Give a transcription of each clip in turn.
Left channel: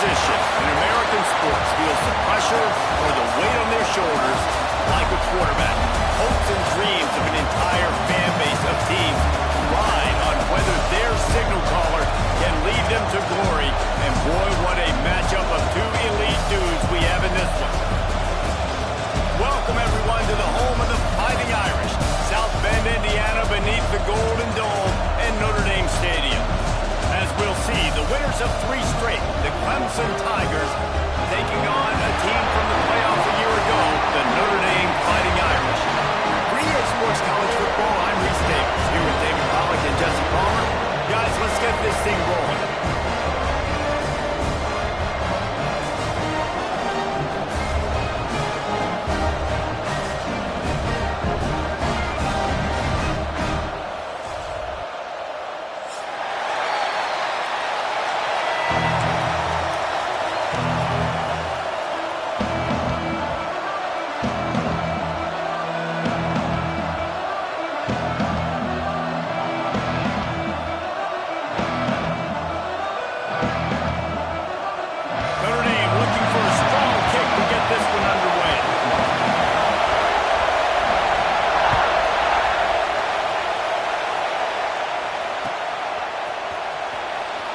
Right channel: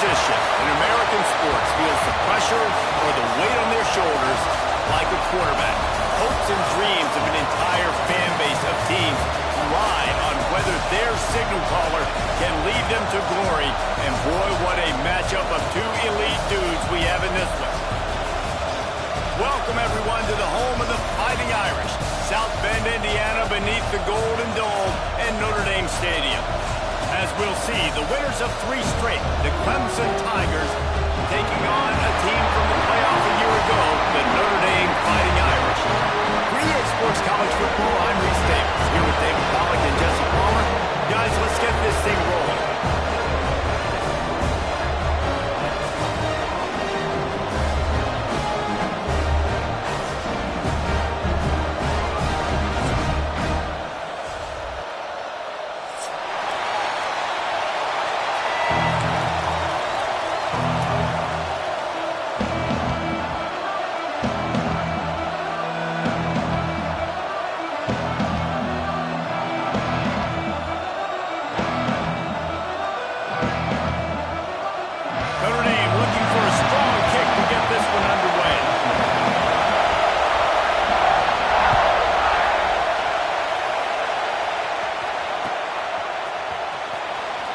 position in American sports feels the pressure or the weight on their shoulders like a quarterback. Hopes and dreams of an entire fan base of teams ride on whether their signal caller can lead them to glory. And boy, what a matchup of two elite dudes we have in this one. Welcome, everyone, to the home of the Fighting Irish, South Bend, Indiana, beneath the Golden Dome and Notre Dame Stadium. As we'll see, the winners of 3 straight, the Clemson Tigers, taking on a team from the playoff a year ago, the Notre Dame Fighting Irish. For EA Sports College Football, I'm Reese Davis, here with David Pollack and Jesse Palmer. Guys, let's get this thing rolling.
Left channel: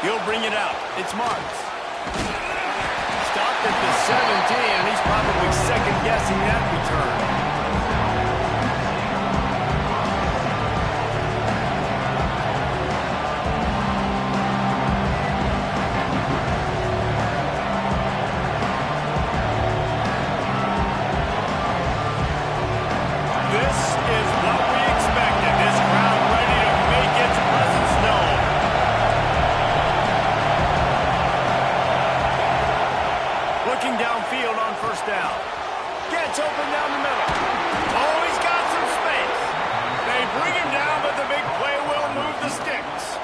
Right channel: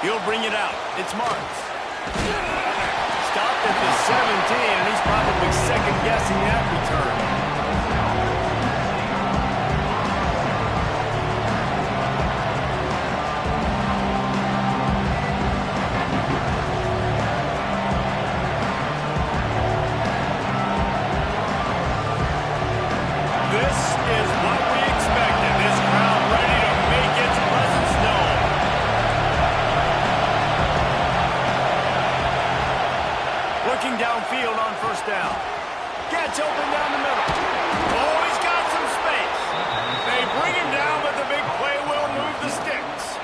He'll bring it out. It's Marks. Stopped at the 17, and he's probably second-guessing that return. This is what we expected. This crowd ready to make its presence known. Looking downfield on first down. Gets open down the middle. Oh, he's got some space. They bring him down, but the big play will move the sticks.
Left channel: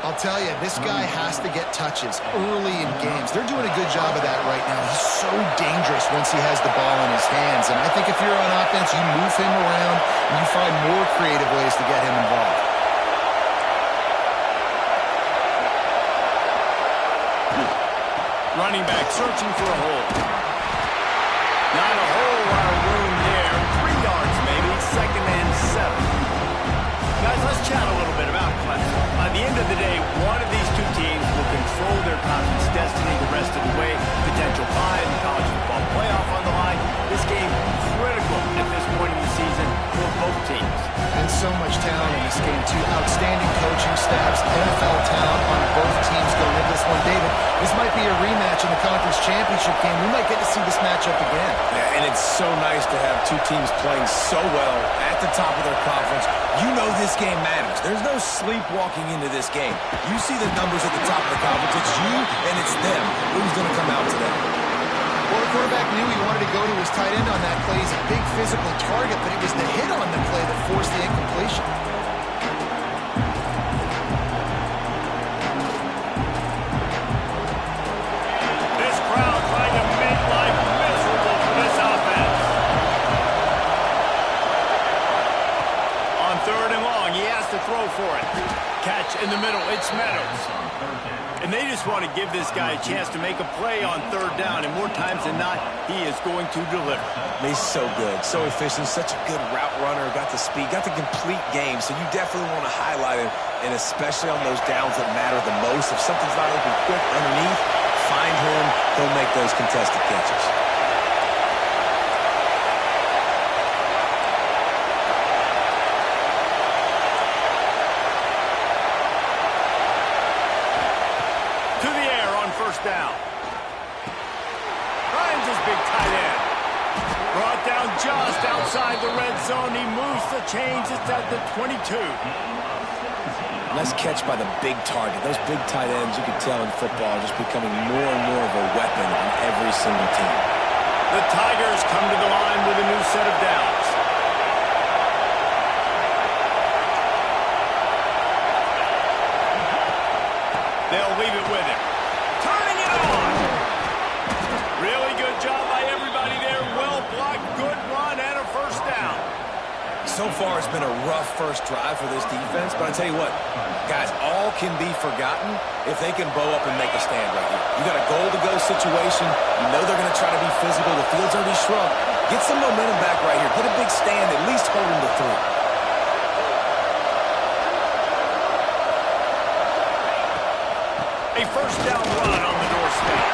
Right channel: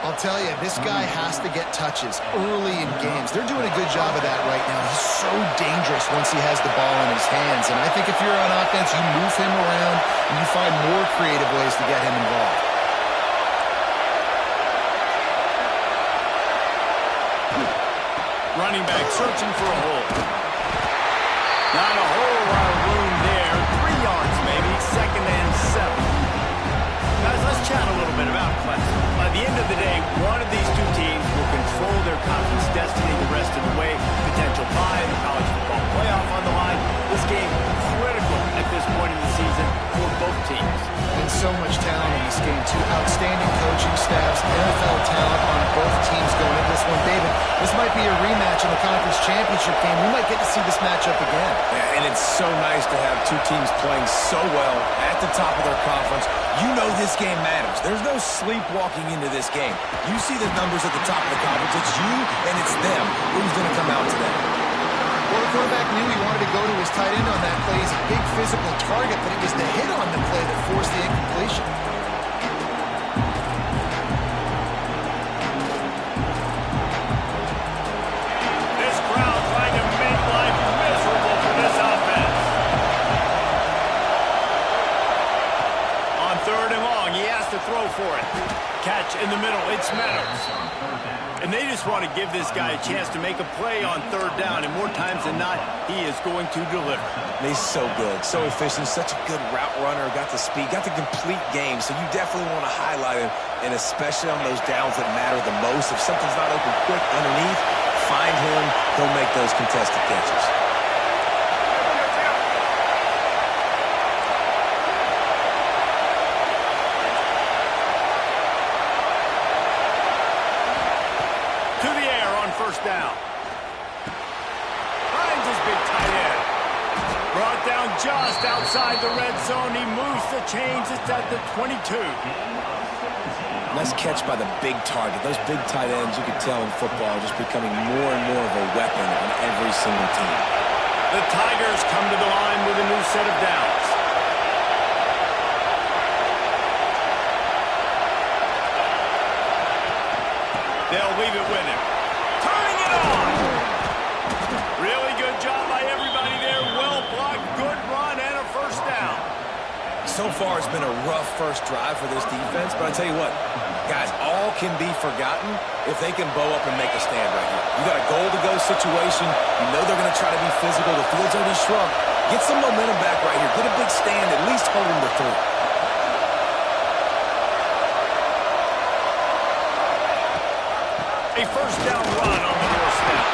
I'll tell you, this guy has to get touches early in games. They're doing a good job of that right now. He's so dangerous once he has the ball in his hands. And I think if you're on offense, you move him around and you find more creative ways to get him involved. Running back searching for a hole. Not a whole lot of room there. 3 yards maybe, 2nd and 7. Guys, let's chat a little bit about Clemson. By the end of the day, one of these two teams will control their conference destiny the rest of the way. Potential bye in the college football playoff on the line. This game critical at this point in the season for both teams. And so much talent in this game, too. Outstanding coaching staffs, NFL talent on both teams going into this one. David, this might be a rematch in the conference championship game. We might get to see this matchup again. Yeah, and it's so nice to have two teams playing so well at the top of their conference. You know this game matters. There's no sleepwalking into this game. You see the numbers at the top of the conference. It's you and it's them. Who's going to come out today? Well, the quarterback knew he wanted to go to his tight end on that play. He's a big physical target, but it was the hit on the play that forced the incompletion. This crowd trying to make life miserable for this offense. On 3rd and long, he has to throw for it. Catch in the middle, it's Meadows. And they just want to give this guy a chance to make a play on 3rd down, and more times than not, he is going to deliver. He's so good, so efficient, such a good route runner, got the speed, got the complete game, so you definitely want to highlight him, and especially on those downs that matter the most. If something's not open quick underneath, find him, he'll make those contested catches. To the air on 1st down. Finds his big tight end. Brought down just outside the red zone. He moves the chains. It's at the 22. Nice catch by the big target. Those big tight ends, you can tell in football, are just becoming more and more of a weapon on every single team. The Tigers come to the line with a new set of downs. They'll leave it with him. Turning it on. Really good job by everybody there. Well blocked, good run, and a 1st down. So far, it's been a rough first drive for this defense, but I tell you what, guys, all can be forgotten if they can bow up and make a stand right here. You got a goal-to-go situation. You know they're going to try to be physical. The field's already shrunk. Get some momentum back right here. Get a big stand, at least hold them to 3. A first down run on the doorstep.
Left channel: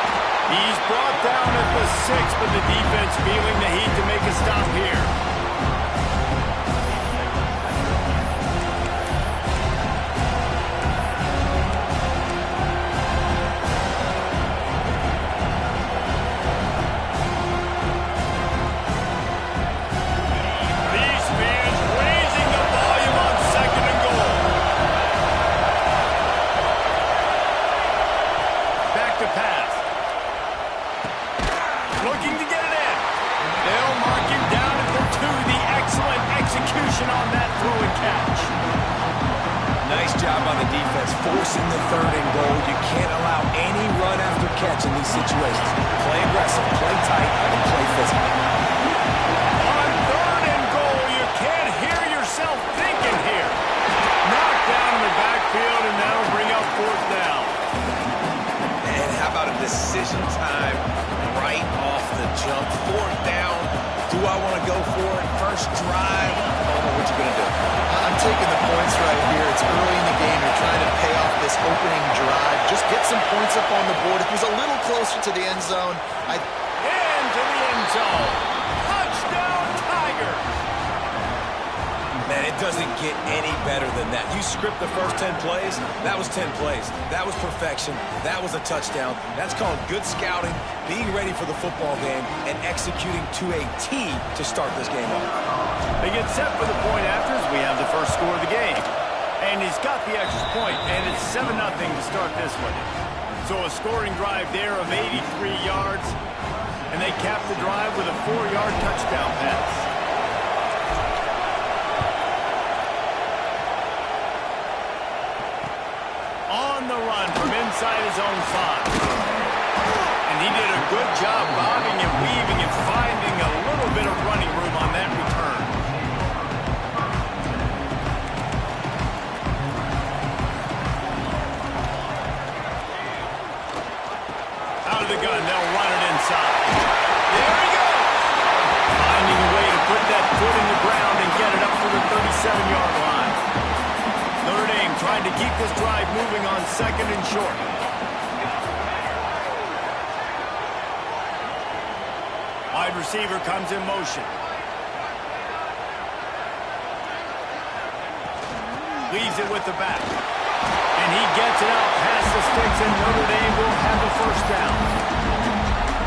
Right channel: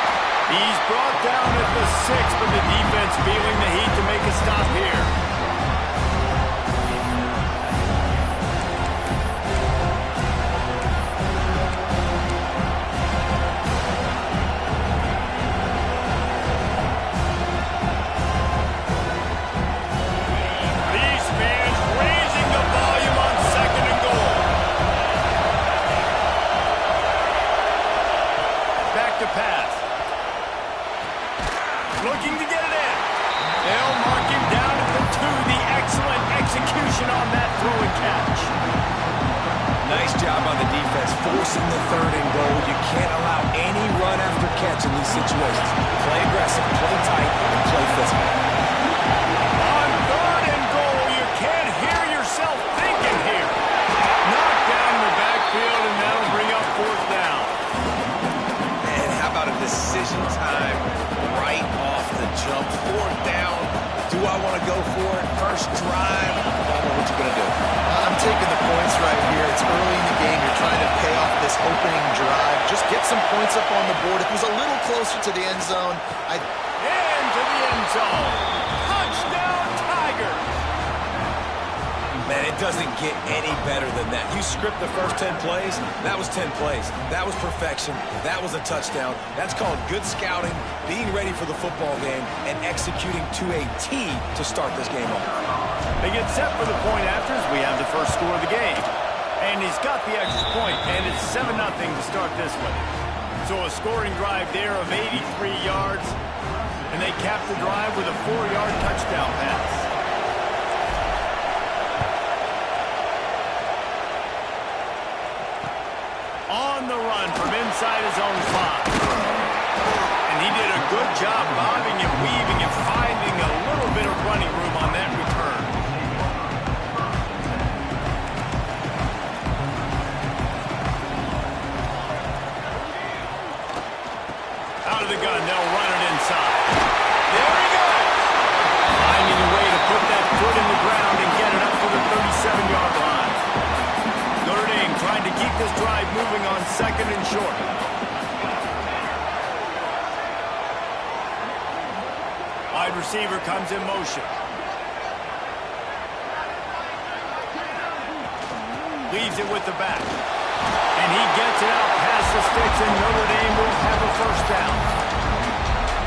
He's brought down at the 6, but the defense feeling the heat to make a stop here. To pass. Looking to get it in. They'll mark him down at the 2. The excellent execution on that throw and catch. Nice job on the defense, forcing the 3rd and goal. You can't allow any run after catch in these situations. Play aggressive, play tight, and play physical. On 3rd and goal, you can't hear yourself thinking here. Knocked down in the backfield, and that'll bring up 4th down. And how about a decision time right off the jump? 4th down. Do I want to go for it? First drive. Bubba, what you going to do? I'm taking the points right here. It's early in the game. You're trying to pay off this opening drive. Just get some points up on the board. If it was a little closer to the end zone, into the end zone. Touchdown, Tigers. Man, it doesn't get any better than that. You script the first 10 plays, that was 10 plays. That was perfection. That was a touchdown. That's called good scouting, being ready for the football game, and executing to a T to start this game off. They get set for the point afters. We have the first score of the game. And he's got the extra point, and it's 7-0 to start this one. So a scoring drive there of 83 yards, and they cap the drive with a 4-yard touchdown pass. On the run from inside his own 5. And he did a good job bobbing and weaving and finding a little bit of running room on that return. Out of the gun, they'll run it inside. There he goes! Finding a way to put that foot in the ground and get it up to the 37-yard line. Notre Dame trying to keep this drive moving on 2nd and short. Wide receiver comes in motion. Leaves it with the back. And he gets it out past the sticks, and Notre Dame will have a first down.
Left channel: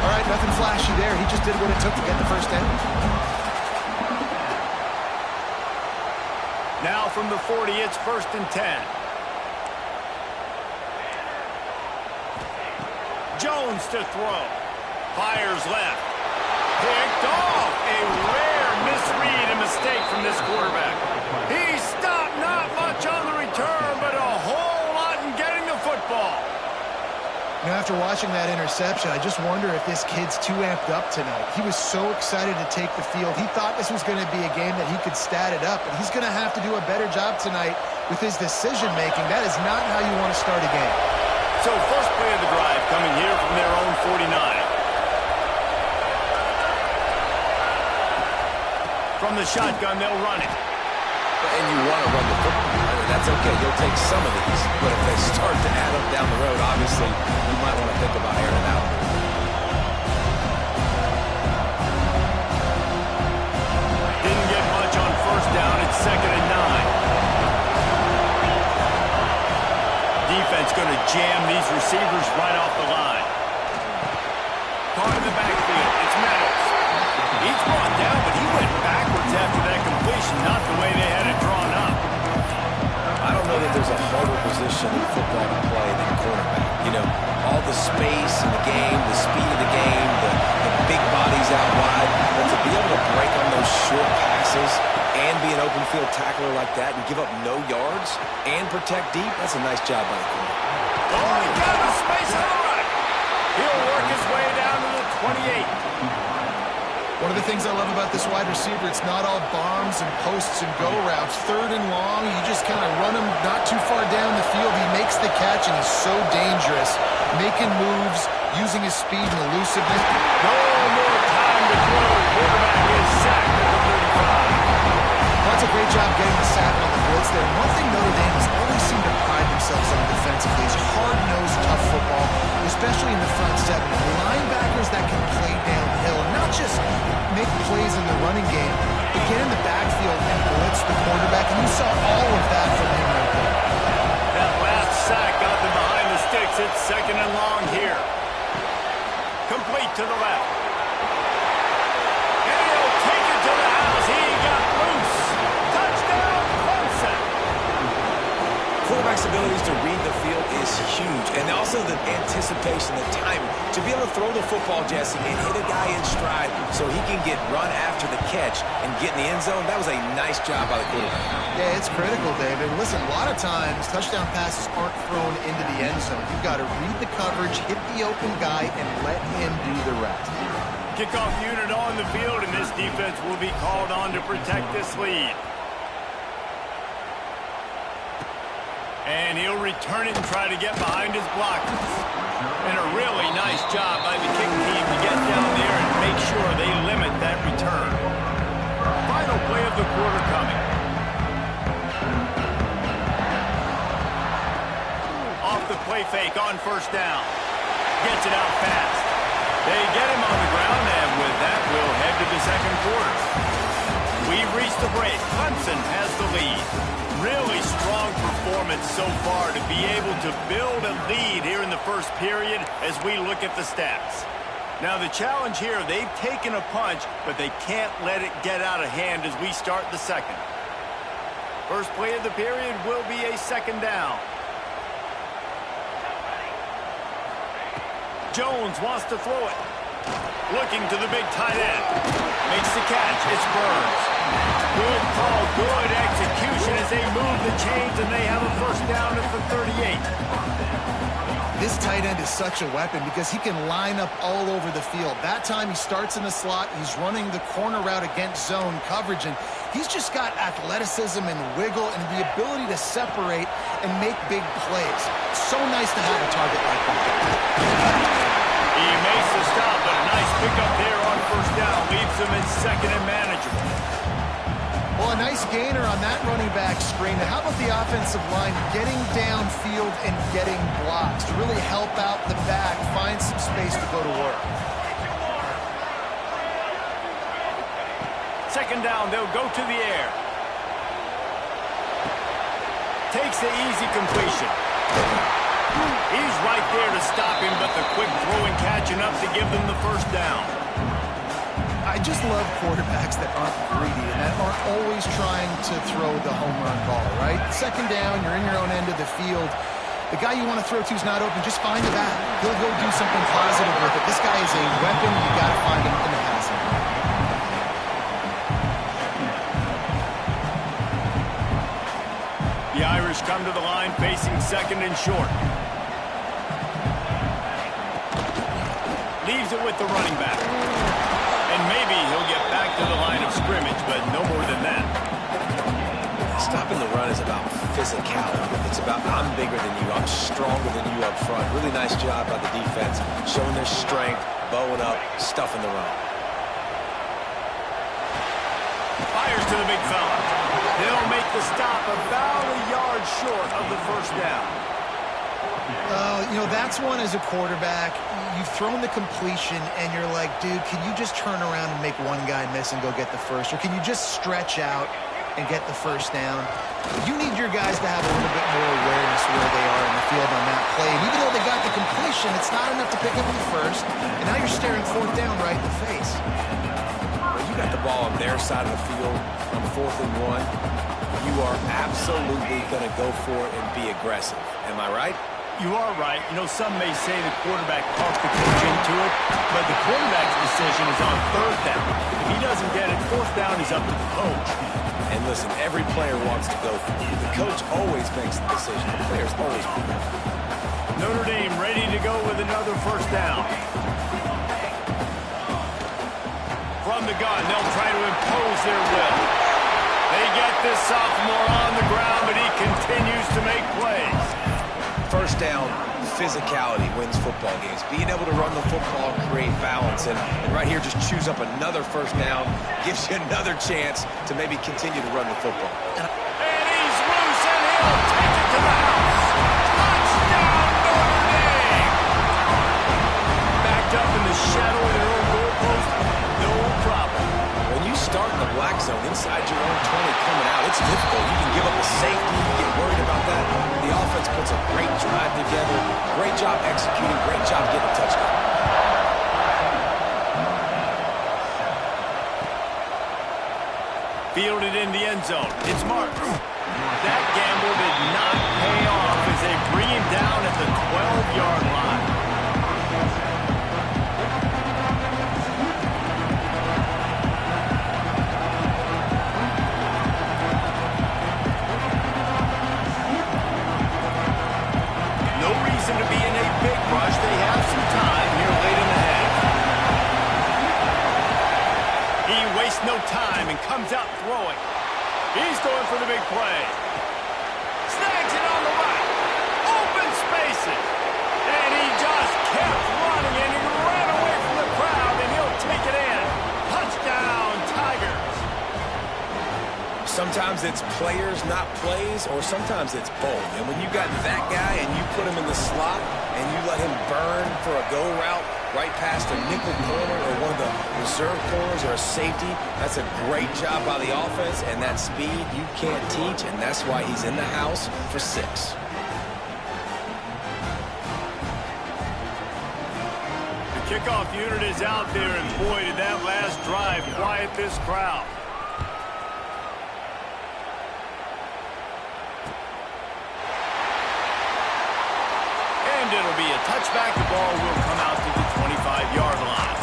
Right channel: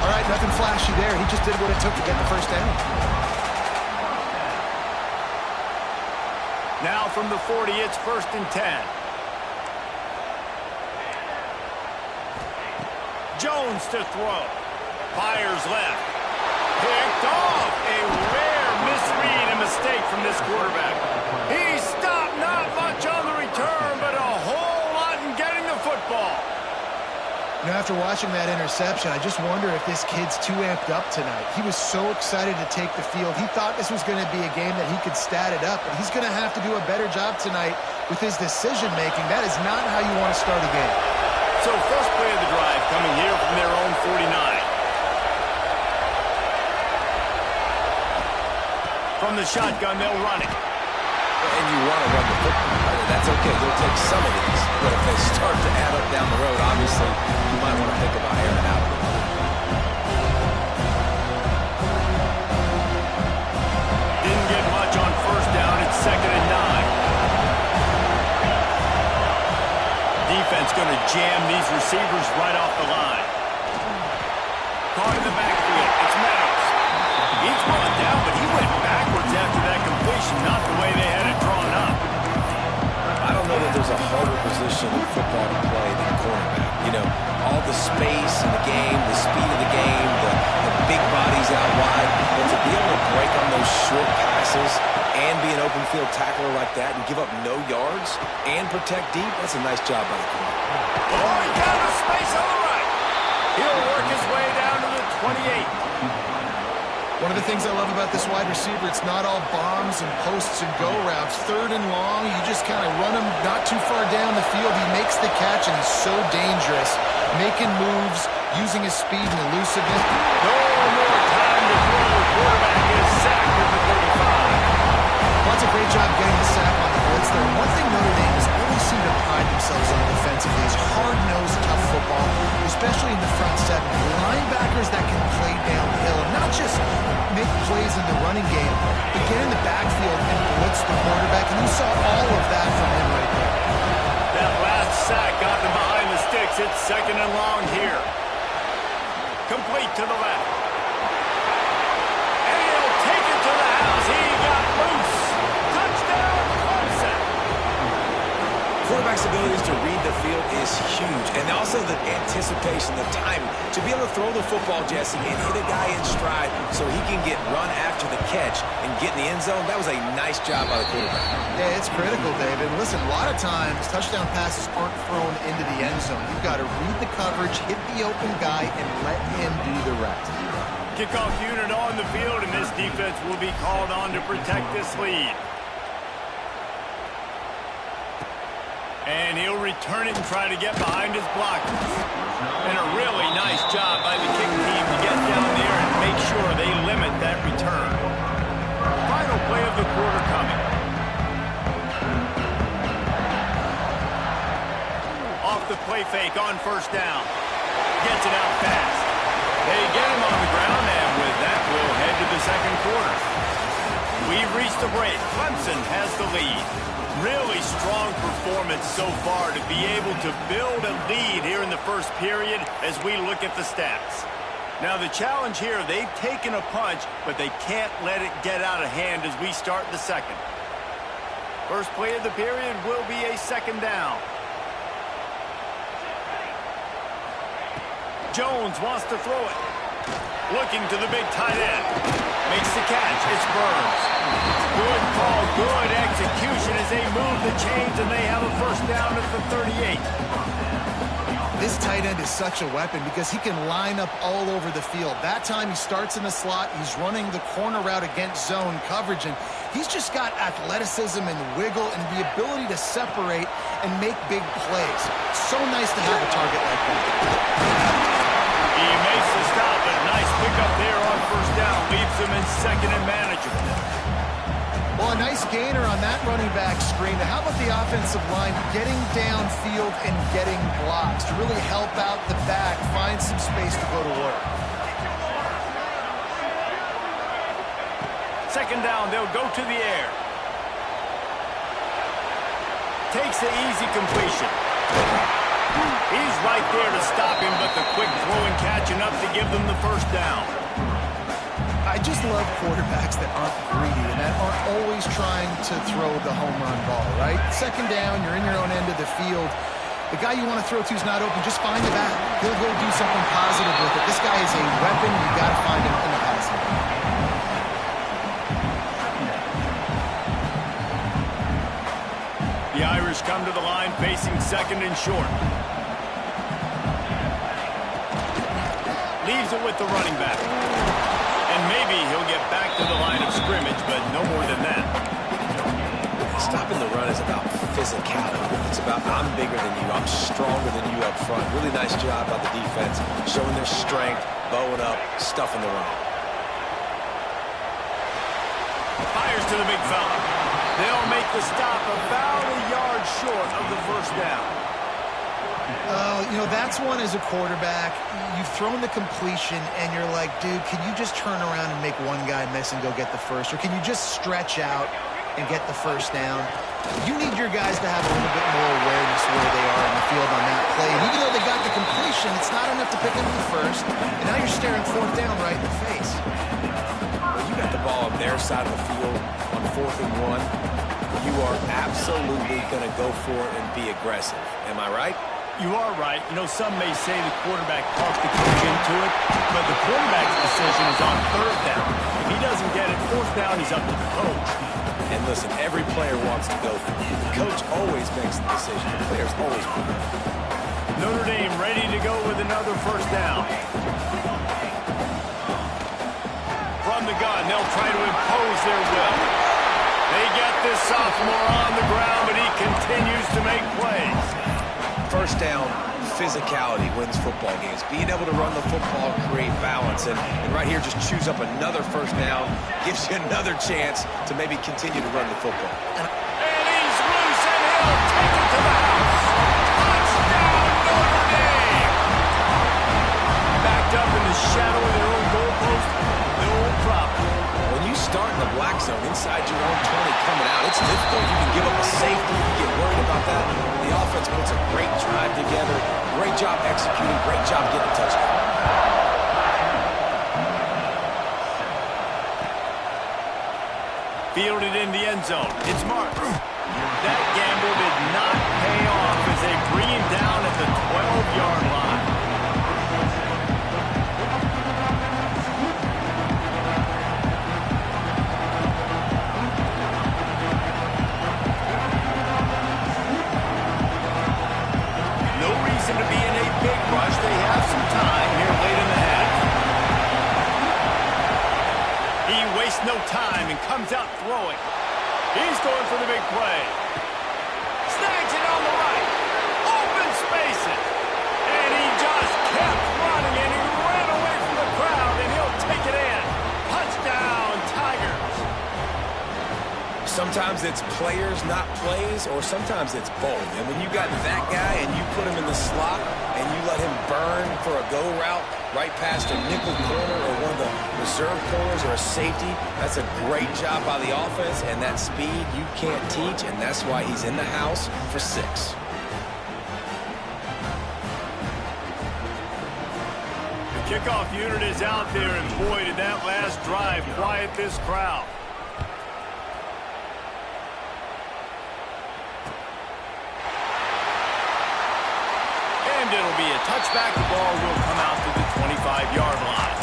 All right, nothing flashy there. He just did what it took to get the first down. Now from the 40, it's 1st and 10. Jones to throw. Fires left. Picked off. A rare misread and mistake from this quarterback. He stopped not much on the return, but a whole lot in getting the football. You know, after watching that interception, I just wonder if this kid's too amped up tonight. He was so excited to take the field. He thought this was going to be a game that he could stat it up, but he's going to have to do a better job tonight with his decision-making. That is not how you want to start a game. So first play of the drive coming here from their own 49. From the shotgun, they'll run it. And you want to run the football. That's okay. You'll take some of these. But if they start to add up down the road, obviously, you might want to think about airing it out a little bit. Didn't get much on first down. It's 2nd and 9. Defense going to jam these receivers right off the line. Caught in the backfield. It's Meadows. He's brought down, but he went backwards after that completion, not the way they had it drawn up. I don't know that there's a harder position in football to play than cornerback. You know, all the space in the game, the speed of the game, the big bodies out wide. But to be able to break on those short passes and be an open field tackler like that and give up no yards and protect deep, that's a nice job by the corner. Oh, he got the space on the right. He'll work his way down to the 28. One of the things I love about this wide receiver, it's not all bombs and posts and go routes. 3rd and long, you just kind of run him not too far down the field. He makes the catch, and he's so dangerous, making moves, using his speed and elusiveness. No more time to throw. Quarterback is sacked at the 35. Well, that's a great job getting the sack on the blitz there. And one thing Notre Dame has always seemed to pride themselves on defensively is hard-nosed, tough football, especially in the front 7. And linebackers that can play downhill and not just make plays in the running game, but get in the backfield and blitz the quarterback. And you saw all of that from him right there. That last sack got them behind the sticks. It's 2nd and long here. Complete to the left. And he'll take it to the house. He got loose. Touchdown, Clemson. Quarterback's abilities to read the field is huge. And also the anticipation, the timing. To be able to throw the football, Jesse, and hit a guy in stride so he can get run after the catch and get in the end zone, that was a nice job by the quarterback. Yeah, it's critical, David. Listen, a lot of times touchdown passes aren't thrown into the end zone. You've got to read the coverage, hit the open guy, and let him do the rest. Kickoff unit on the field, and this defense will be called on to protect this lead. And he'll return it and try to get behind his blockers. And a really nice job by the kick team to get down there and make sure they limit that return. Final play of the quarter coming. Off the play fake on 1st down. Gets it out fast. They get him on the ground, and with that, we'll head to the 2nd quarter. We've reached the break. Clemson has the lead. Really strong performance so far to be able to build a lead here in the 1st period as we look at the stats. Now the challenge here, they've taken a punch, but they can't let it get out of hand as we start the 2nd. First play of the period will be a 2nd down. Jones wants to throw it. Looking to the big tight end. Makes the catch. It's Burns. Good call, good execution as they move the chains, and they have a 1st down at the 38. This tight end is such a weapon because he can line up all over the field. That time he starts in the slot. He's running the corner route against zone coverage, and he's just got athleticism and wiggle and the ability to separate and make big plays. It's so nice to have a target like that. He makes the stop, but a nice pickup there on 1st down. Leaves him in 2nd and manageable. Well, a nice gainer on that running back screen. Now, how about the offensive line getting downfield and getting blocks to really help out the back, find some space to go to work? 2nd down, they'll go to the air. Takes the easy completion. He's right there to stop him, but the quick throw and catch enough to give them the 1st down. I just love quarterbacks that aren't greedy and that aren't always trying to throw the home run ball, right? 2nd down, you're in your own end of the field. The guy you want to throw to is not open. Just find the back. He'll go do something positive with it. This guy is a weapon. You got to find him in the passing game. The Irish come to the line facing 2nd and short. Leaves it with the running back. And maybe he'll get back to the line of scrimmage, but no more than that. Stopping the run is about physicality. It's about I'm bigger than you, I'm stronger than you up front. Really nice job by the defense, showing their strength, bowing up, stuffing the run. Fires to the big fella. They'll make the stop about a yard short of the 1st down. You know, that's one as a quarterback. You've thrown the completion, and you're like, dude, can you just turn around and make one guy miss and go get the 1st? Or can you just stretch out and get the 1st down? You need your guys to have a little bit more awareness where they are in the field on that play. And even though they got the completion, it's not enough to pick up the 1st. And now you're staring 4th down right in the face. Well, you got the ball on their side of the field on 4th and 1. You are absolutely going to go for it and be aggressive. Am I right? You are right. You know, some may say the quarterback talked the coach into it, but the quarterback's decision is on 3rd down. If he doesn't get it, 4th down is up to the coach. And listen, every player wants to go for it. The coach always makes the decision. The players always do. Notre Dame ready to go with another 1st down. From from the gun. They'll try to impose their will. They get this sophomore on the ground, but he continues to make plays. First down, physicality wins football games. Being able to run the football, create balance. And right here, just choose up another first down, gives you another chance to maybe continue to run the football. And he's loose, and he'll take it to the house. Touchdown, Notre Dame! Backed up in the shadow of their own goalpost, no problem. When you start in the black zone inside your own 20 coming out, it's difficult. You can give up a safety. You get worried about that. The offense puts a great drive together. Great job executing. Great job getting a touchdown. Fielded in the end zone. It's marked. That gamble did not pay off as they bring him down at the 12-yard line. To be in a big rush. They have some time here late in the half. He wastes no time and comes out throwing. He's going for the big play. Snags it on the right. Open spaces. And he just kept running, and he ran away from the crowd, and he'll take it in. Touchdown, Tigers. Sometimes it's players, not plays, or sometimes it's both. And when you got that guy and you put him in the slot and you let him burn for a go route right past a nickel corner or one of the reserve corners or a safety, that's a great job by the offense, and that speed you can't teach, and that's why he's in the house for 6. The kickoff unit is out there, and boy, did that last drive quiet this crowd. And it'll be a touchback. The ball will come out to the 25-yard line.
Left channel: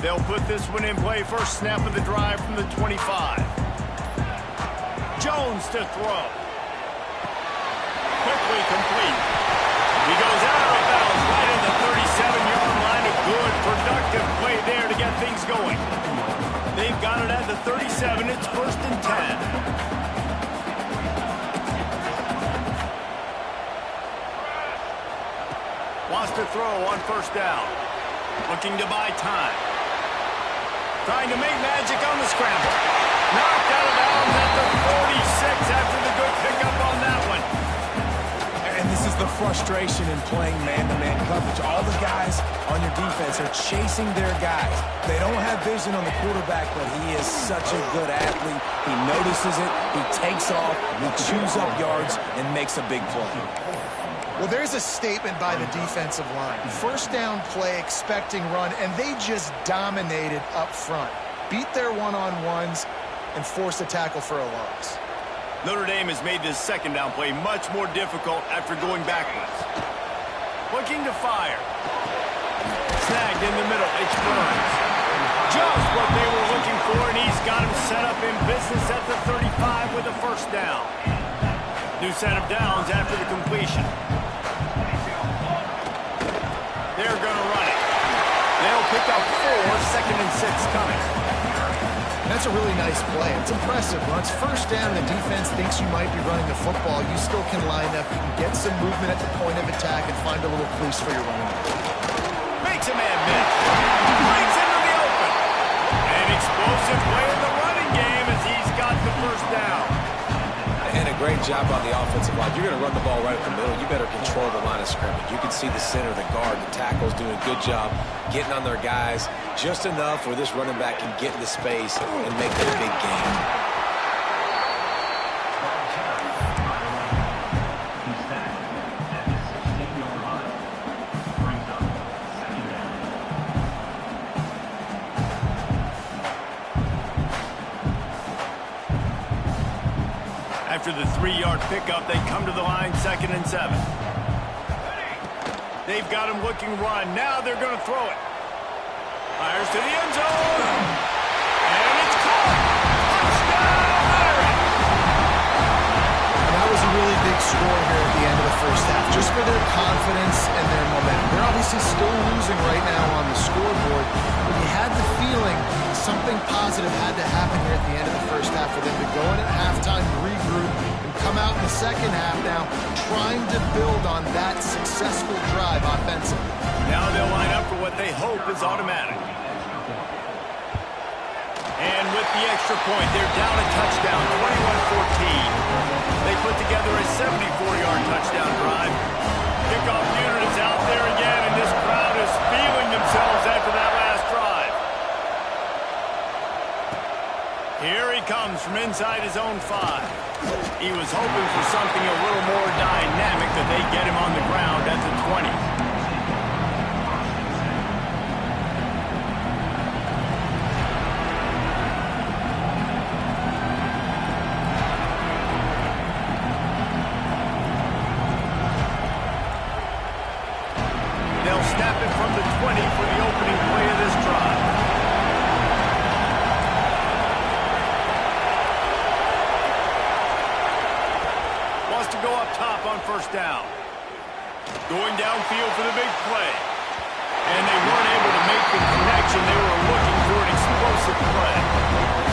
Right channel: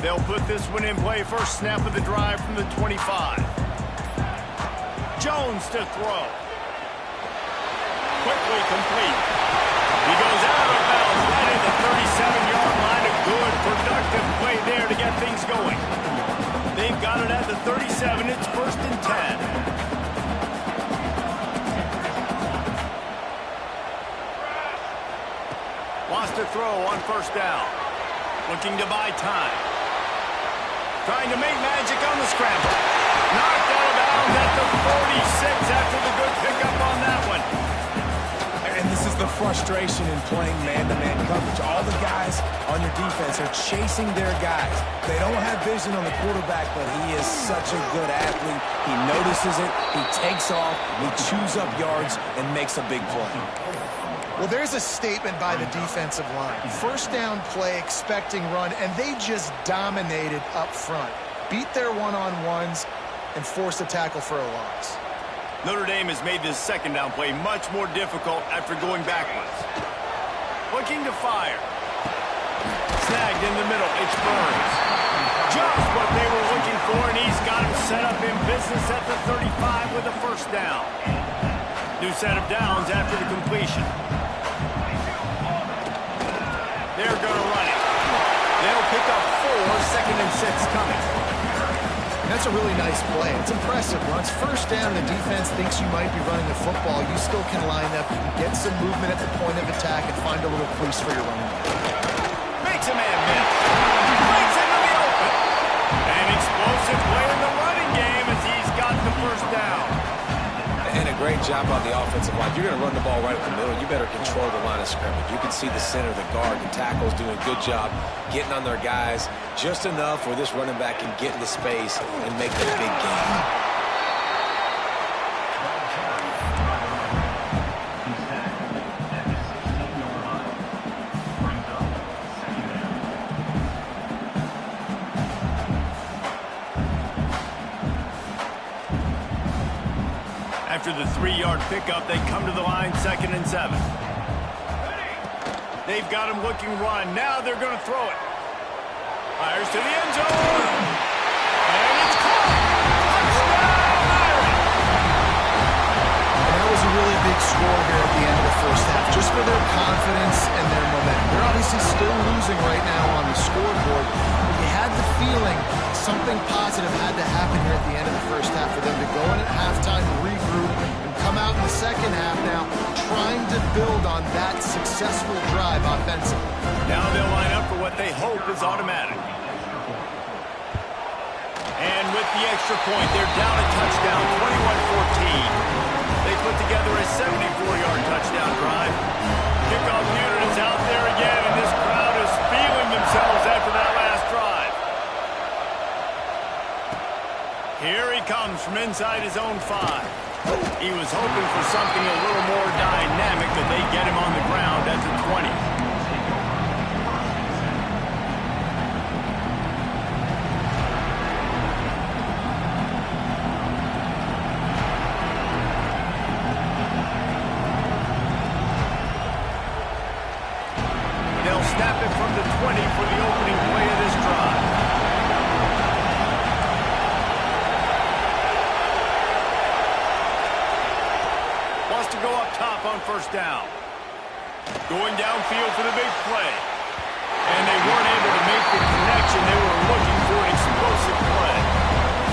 They'll put this one in play. First snap of the drive from the 25. Jones to throw. Quickly complete. He goes out of bounds right at the 37-yard line. A good, productive play there to get things going. They've got it at the 37. It's 1st and 10. Wants to throw on first down. Looking to buy time. Trying to make magic on the scramble. Knocked out of bounds at the 46 after the good pickup on that one. And this is the frustration in playing man-to-man coverage. All the guys on your defense are chasing their guys. They don't have vision on the quarterback, but he is such a good athlete. He notices it, he takes off, he chews up yards, and makes a big play. Well, there's a statement by the defensive line. First down play, expecting run, and they just dominated up front. Beat their one-on-ones and forced a tackle for a loss. Notre Dame has made this second down play much more difficult after going backwards. Looking to fire. Snagged in the middle. It's Burns. Just what they were looking for, and he's got him set up in business at the 35 with a first down. New set of downs after the completion. They're going to run it. They'll pick up 4, 2nd and 6 coming. That's a really nice play. It's impressive. Once first down and the defense thinks you might be running the football, you still can line up. You can get some movement at the point of attack and find a little crease for your running back. Makes a man miss. Breaks into the open. An explosive play in the running game as he's got the first down. And a great job on the offensive line. You're going to run the ball right up the middle. You better control the line of scrimmage. You can see the center, the guard, the tackles doing a good job getting on their guys just enough where this running back can get into space and make that big gain. After the 3-yard pickup, they come to the line 2nd and 7. They've got him looking run. Now they're going to throw it. Fires to the end zone. And it's caught. Touchdown, Irish. And that was a really big score here at the end of the first half, just for their confidence and their momentum. They're obviously still losing right now on the scoreboard, but you had the feeling something positive had to happen here at the end of the first half for them to go in at halftime, regroup, and come out in the second half now trying to build on that successful drive offensively. Now they'll line up for what they hope is automatic. And with the extra point, they're down a touchdown, 21-14. They put together a 74-yard touchdown drive. Kickoff unit is out there again, and this crowd is feeling themselves after that last drive. Here he comes from inside his own 5. He was hoping for something a little more dynamic, that they get him on the ground at the 20. They'll snap it from the 20 for the opening play of this drive. Wants to go up top on first down. Going downfield for the big play. And they weren't able to make the connection. They were looking for an explosive play.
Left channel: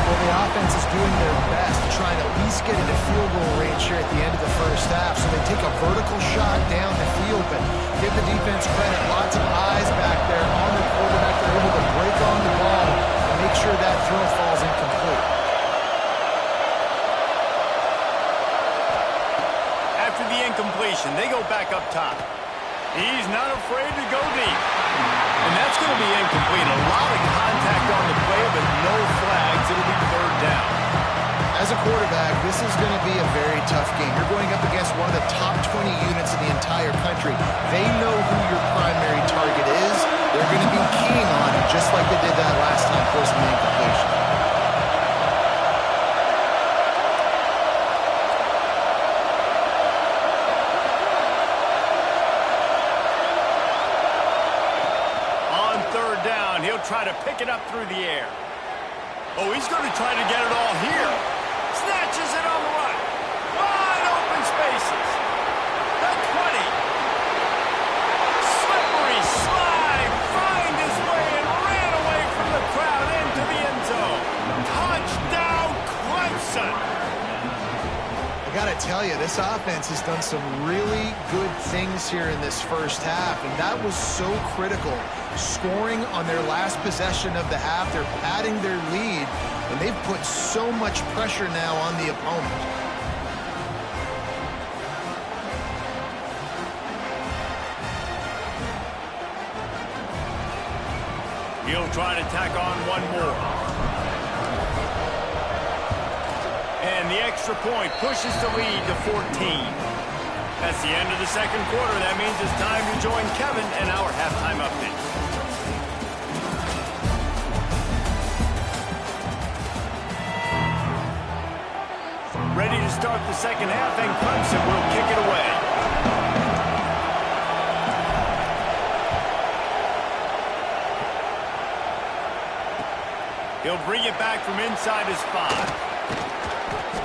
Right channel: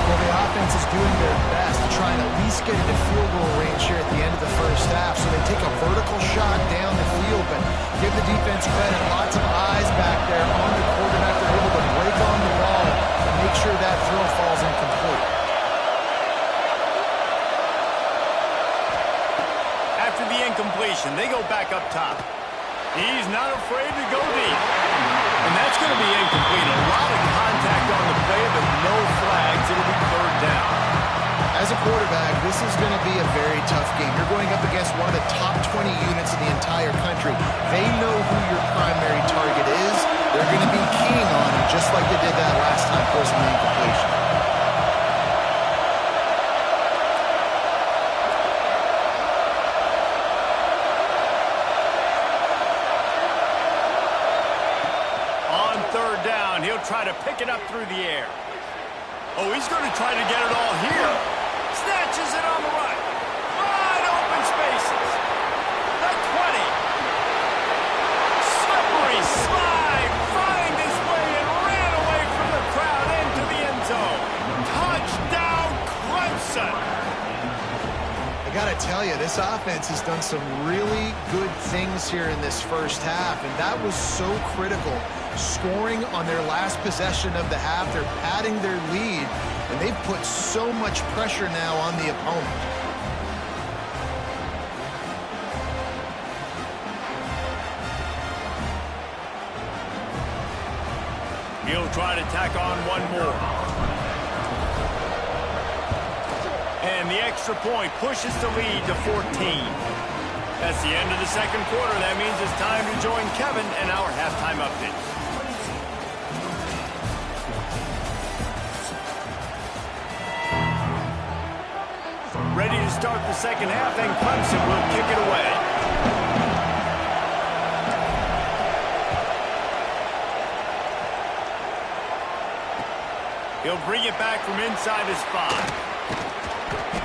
Well, the offense is doing their best to try and at least get into field goal range here at the end of the first half. So they take a vertical shot down the field, but give the defense credit. Lots of eyes back there on the quarterback. They're able to break on the ball and make sure that throw falls incomplete. After the incompletion, they go back up top. He's not afraid to go deep. And that's going to be incomplete. A lot of contact on the play, but no flags. It'll be third down. As a quarterback, this is going to be a very tough game. You're going up against one of the top 20 units in the entire country. They know who your primary target is. They're going to be keying on it, just like they did that last time, forcing the incompletion. Third down, he'll try to pick it up through the air. Oh, he's going to try to get it all here. Snatches it on the right. Wide open spaces. The 20. Slippery slide. Find his way and ran away from the crowd into the end zone. Touchdown, Clemson. I got to tell you, this offense has done some really good things here in this first half, and that was so critical. Scoring on their last possession of the half, they're padding their lead, and they've put so much pressure now on the opponent. He'll try to tack on one more. And the extra point pushes the lead to 14. That's the end of the second quarter. That means it's time to join Kevin and our halftime update. Ready to start the second half, and Clemson will kick it away. He'll bring it back from inside his 5.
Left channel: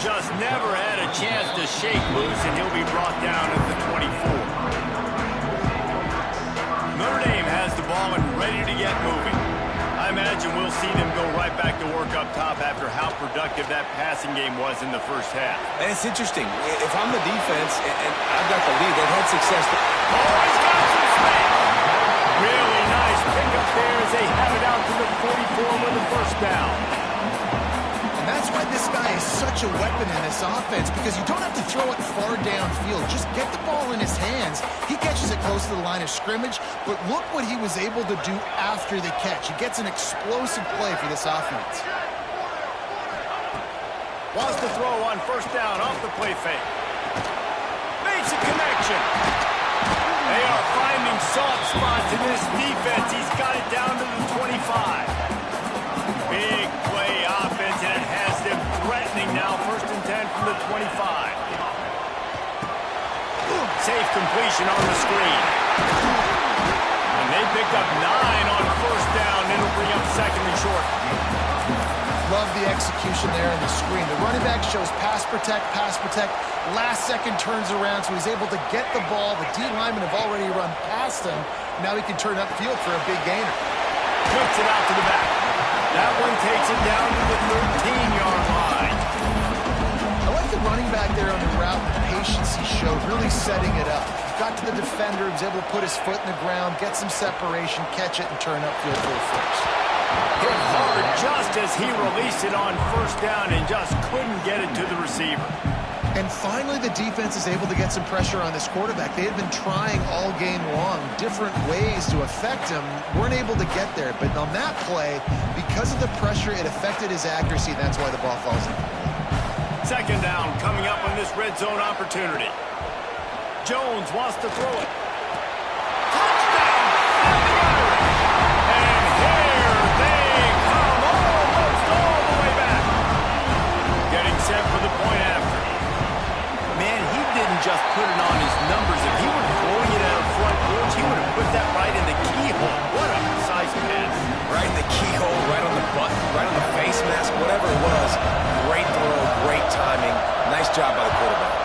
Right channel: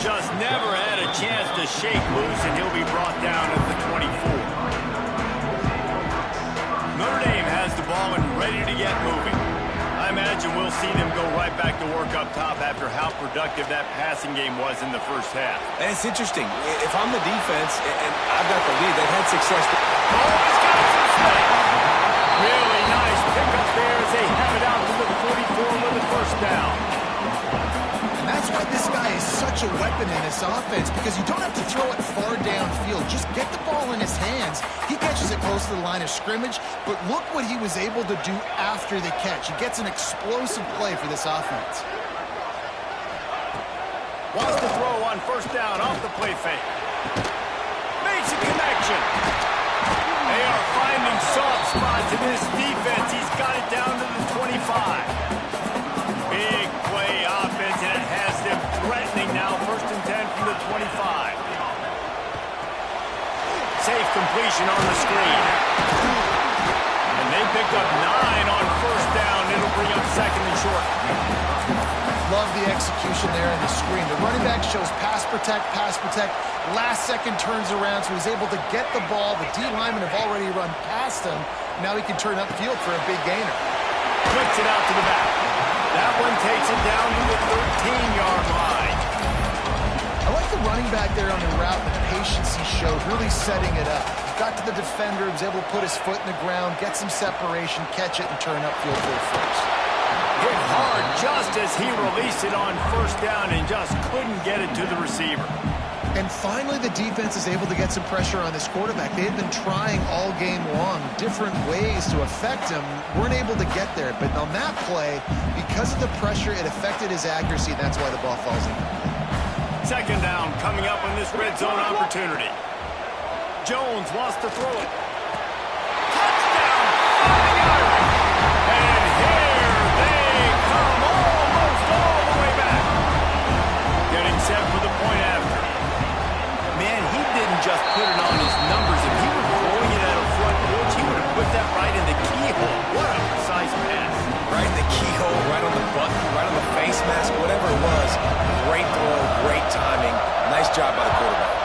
Just never had a chance to shake loose, and he'll be brought down at the 24. Notre Dame has the ball and ready to get moving. I imagine we'll see them go right back to work up top after how productive that passing game was in the first half. And it's interesting. If I'm the defense and I've got the lead, they've had success. Oh, he's got some space. Really nice pickup there as they have it out to the 44 with the first down. And that's why this guy is such a weapon in this offense, because you don't have to throw it far downfield. Just get the ball in his hands. He catches it close to the line of scrimmage, but look what he was able to do after the catch. He gets an explosive play for this offense. Wants to throw on first down off the play fake. Makes a connection. They are finding soft spots in this defense. He's got it down to the 25. Big play offense, and it has them threatening now. First and 10 from the 25. Safe completion on the screen. And they picked up 9 on first down. It'll bring up love the execution there in the screen. The running back shows pass protect, pass protect. Last second turns around, so he's able to get the ball. The D linemen have already run past him. Now he can turn upfield for a big gainer. Puts it out to the back. That one takes it down to the 13-yard line. I like the running back there on the route and the patience he showed, really setting it up. He got to the defender, he was able to put his foot in the ground, get some separation, catch it, and turn upfield for the first. Hit hard just as he released it on first down and just couldn't get it to the receiver. And finally, the defense is able to get some pressure on this quarterback. They had been trying all game long different ways to affect him, weren't able to get there. But on that play, because of the pressure, it affected his accuracy, and that's why the ball falls incomplete. Second down coming up on this red zone opportunity. Jones wants to throw it. Touchdown, Fighting Irish. And here they come, almost all the way back. Getting set for the point after. Man, he didn't just put it on his numbers. If he were throwing it at a front porch, he would have put that right in the keyhole. What a precise pass. Right in the keyhole, right on the button, right on the face mask, whatever it was. Great throw, great timing. Nice job by the quarterback.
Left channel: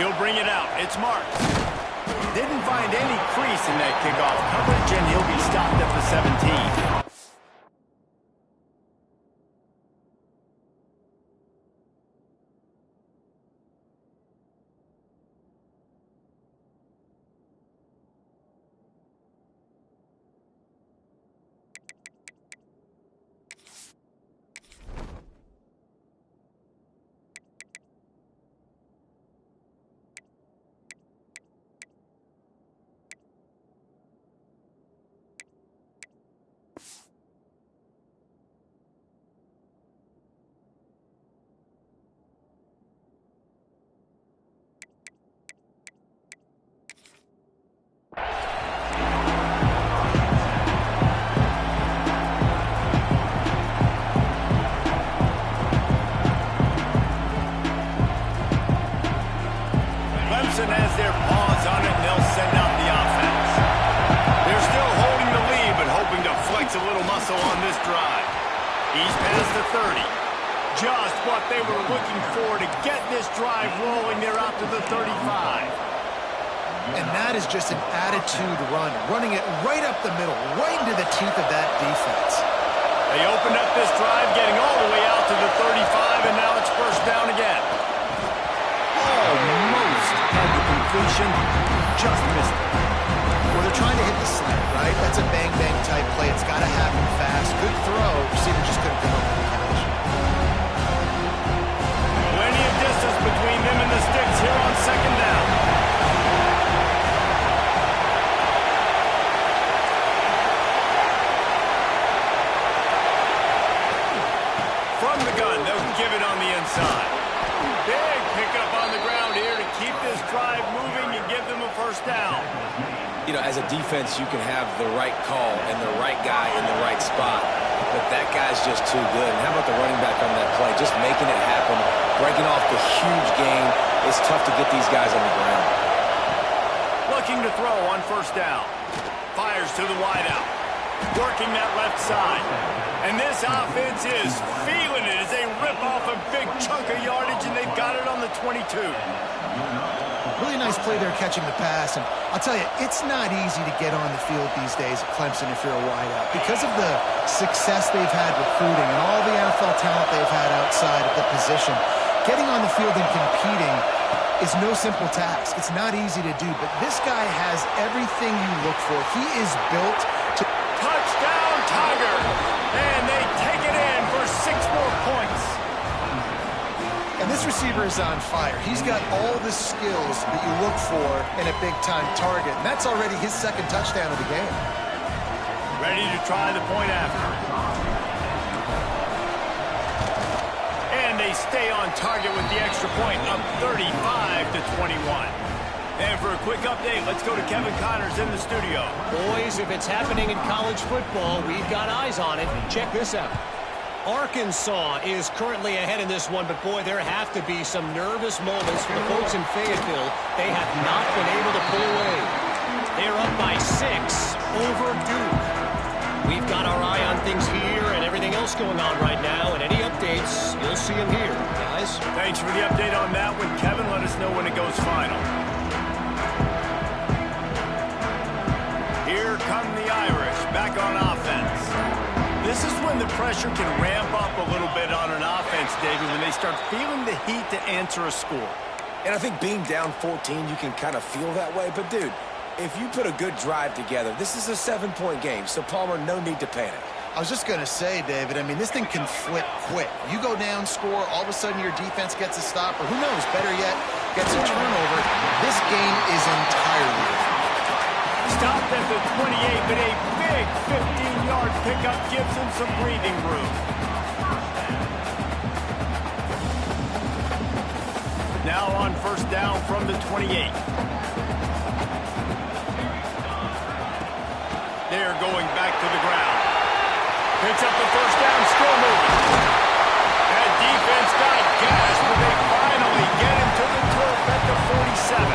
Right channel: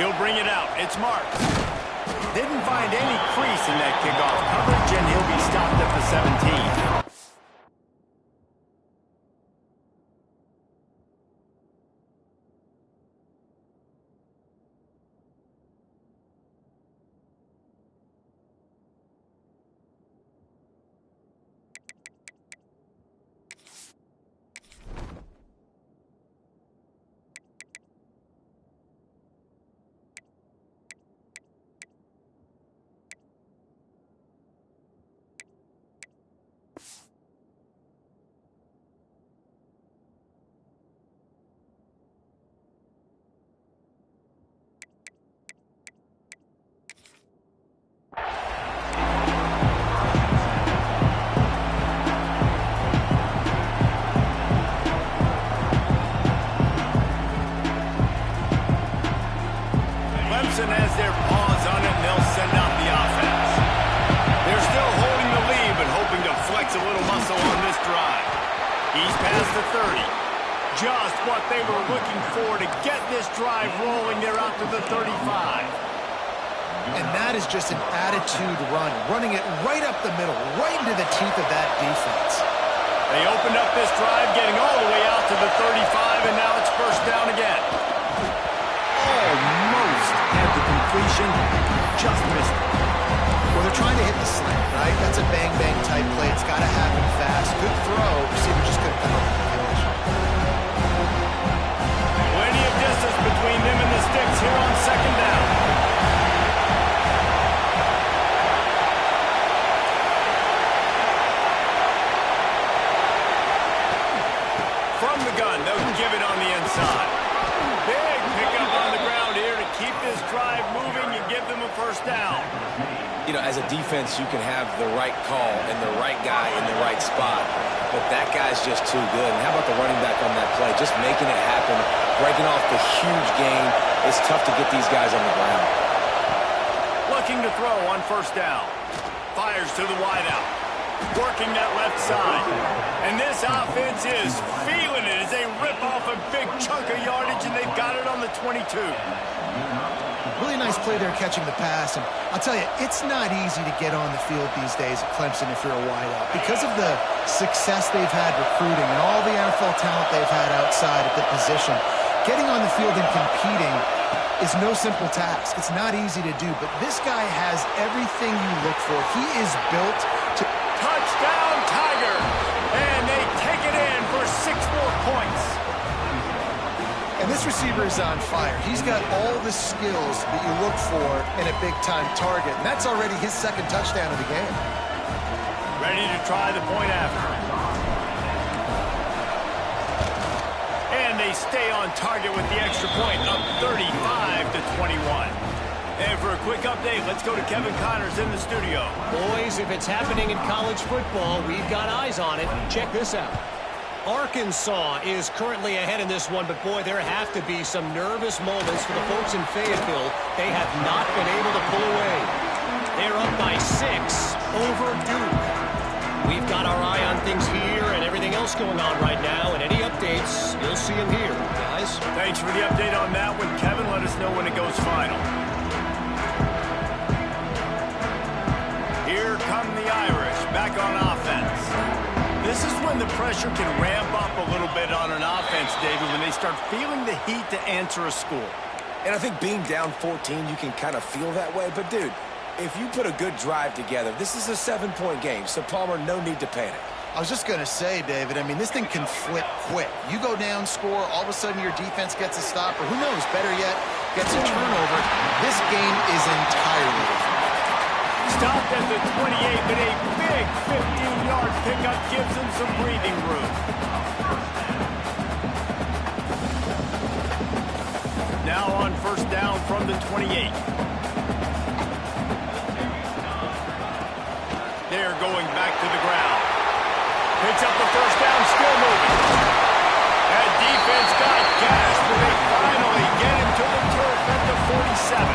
He'll bring it out. It's marked. Didn't find any crease in that kickoff coverage, and he'll be stopped at the 17. Clemson has their paws on it, and they'll send out the offense. They're still holding the lead, but hoping to flex a little muscle on this drive. He's past the 30. Just what they were looking for to get this drive rolling. They're out to the 35. And that is just an attitude run, running it right up the middle, right into the teeth of that defense. They opened up this drive, getting all the way out to the 35, and now it's first down again. Almost had the completion, just missed it. Well, they're trying to hit the slant, right? That's a bang-bang type play. It's got to happen fast. Good throw. Receiver just couldn't come up with the catch. Plenty of distance between them and the sticks here on second down. From the gun, they'll give it on the inside. Big pickup on the ground here to keep this drive moving and give them a first down. You know, as a defense, you can have the right call and the right guy in the right spot, but that guy's just too good. And how about the running back on that play? Just making it happen, breaking off the huge gain. It's tough to get these guys on the ground. Looking to throw on first down. Fires to the wideout. Working that left side. And this offense is feeling it as they rip off a big chunk of yardage, and they've got it on the 22. Really nice play there catching the pass. And I'll tell you, it's not easy to get on the field these days at Clemson if you're a wideout. Because of the success they've had recruiting and all the NFL talent they've had outside at the position, getting on the field and competing is no simple task. It's not easy to do, but this guy has everything you look for. He is built to... Touchdown, Tiger! And they take it in for 6 more points. And this receiver is on fire. He's got all the skills that you look for in a big-time target, and that's already his second touchdown of the game. Ready to try the point after. And they stay on target with the extra point, up 35-21. And for a quick update, let's go to Kevin Connors in the studio. Boys, if it's happening in college football, we've got eyes on it. Check this out. Arkansas is currently ahead in this one, but boy, there have to be some nervous moments for the folks in Fayetteville. They have not been able to pull away. They're up by 6 over Duke. We've got our eye on things here and everything else going on right now, and any updates, you'll see them here, guys. Thanks for the update on that one, Kevin. Let us know when it goes final. Here come the Irish, back on offense. This is when the pressure can ramp up a little bit on an offense, David, when they start feeling the heat to answer a score. And I think being down 14, you can kind of feel that way. But, dude, if you put a good drive together, this is a 7-point game. So, Palmer, no need to panic. I was just going to say, David, I mean, this thing can flip quick. You go down, score, all of a sudden your defense gets a stop, or who knows, better yet, gets a turnover. This game is entirely different. Stopped at the 28, but a big 15-yard pickup gives him some breathing room. Now on first down from the 28. They're going back to the ground. Picks up the first down, still moving. That defense got gashed, but they finally get him to the turf at the 47.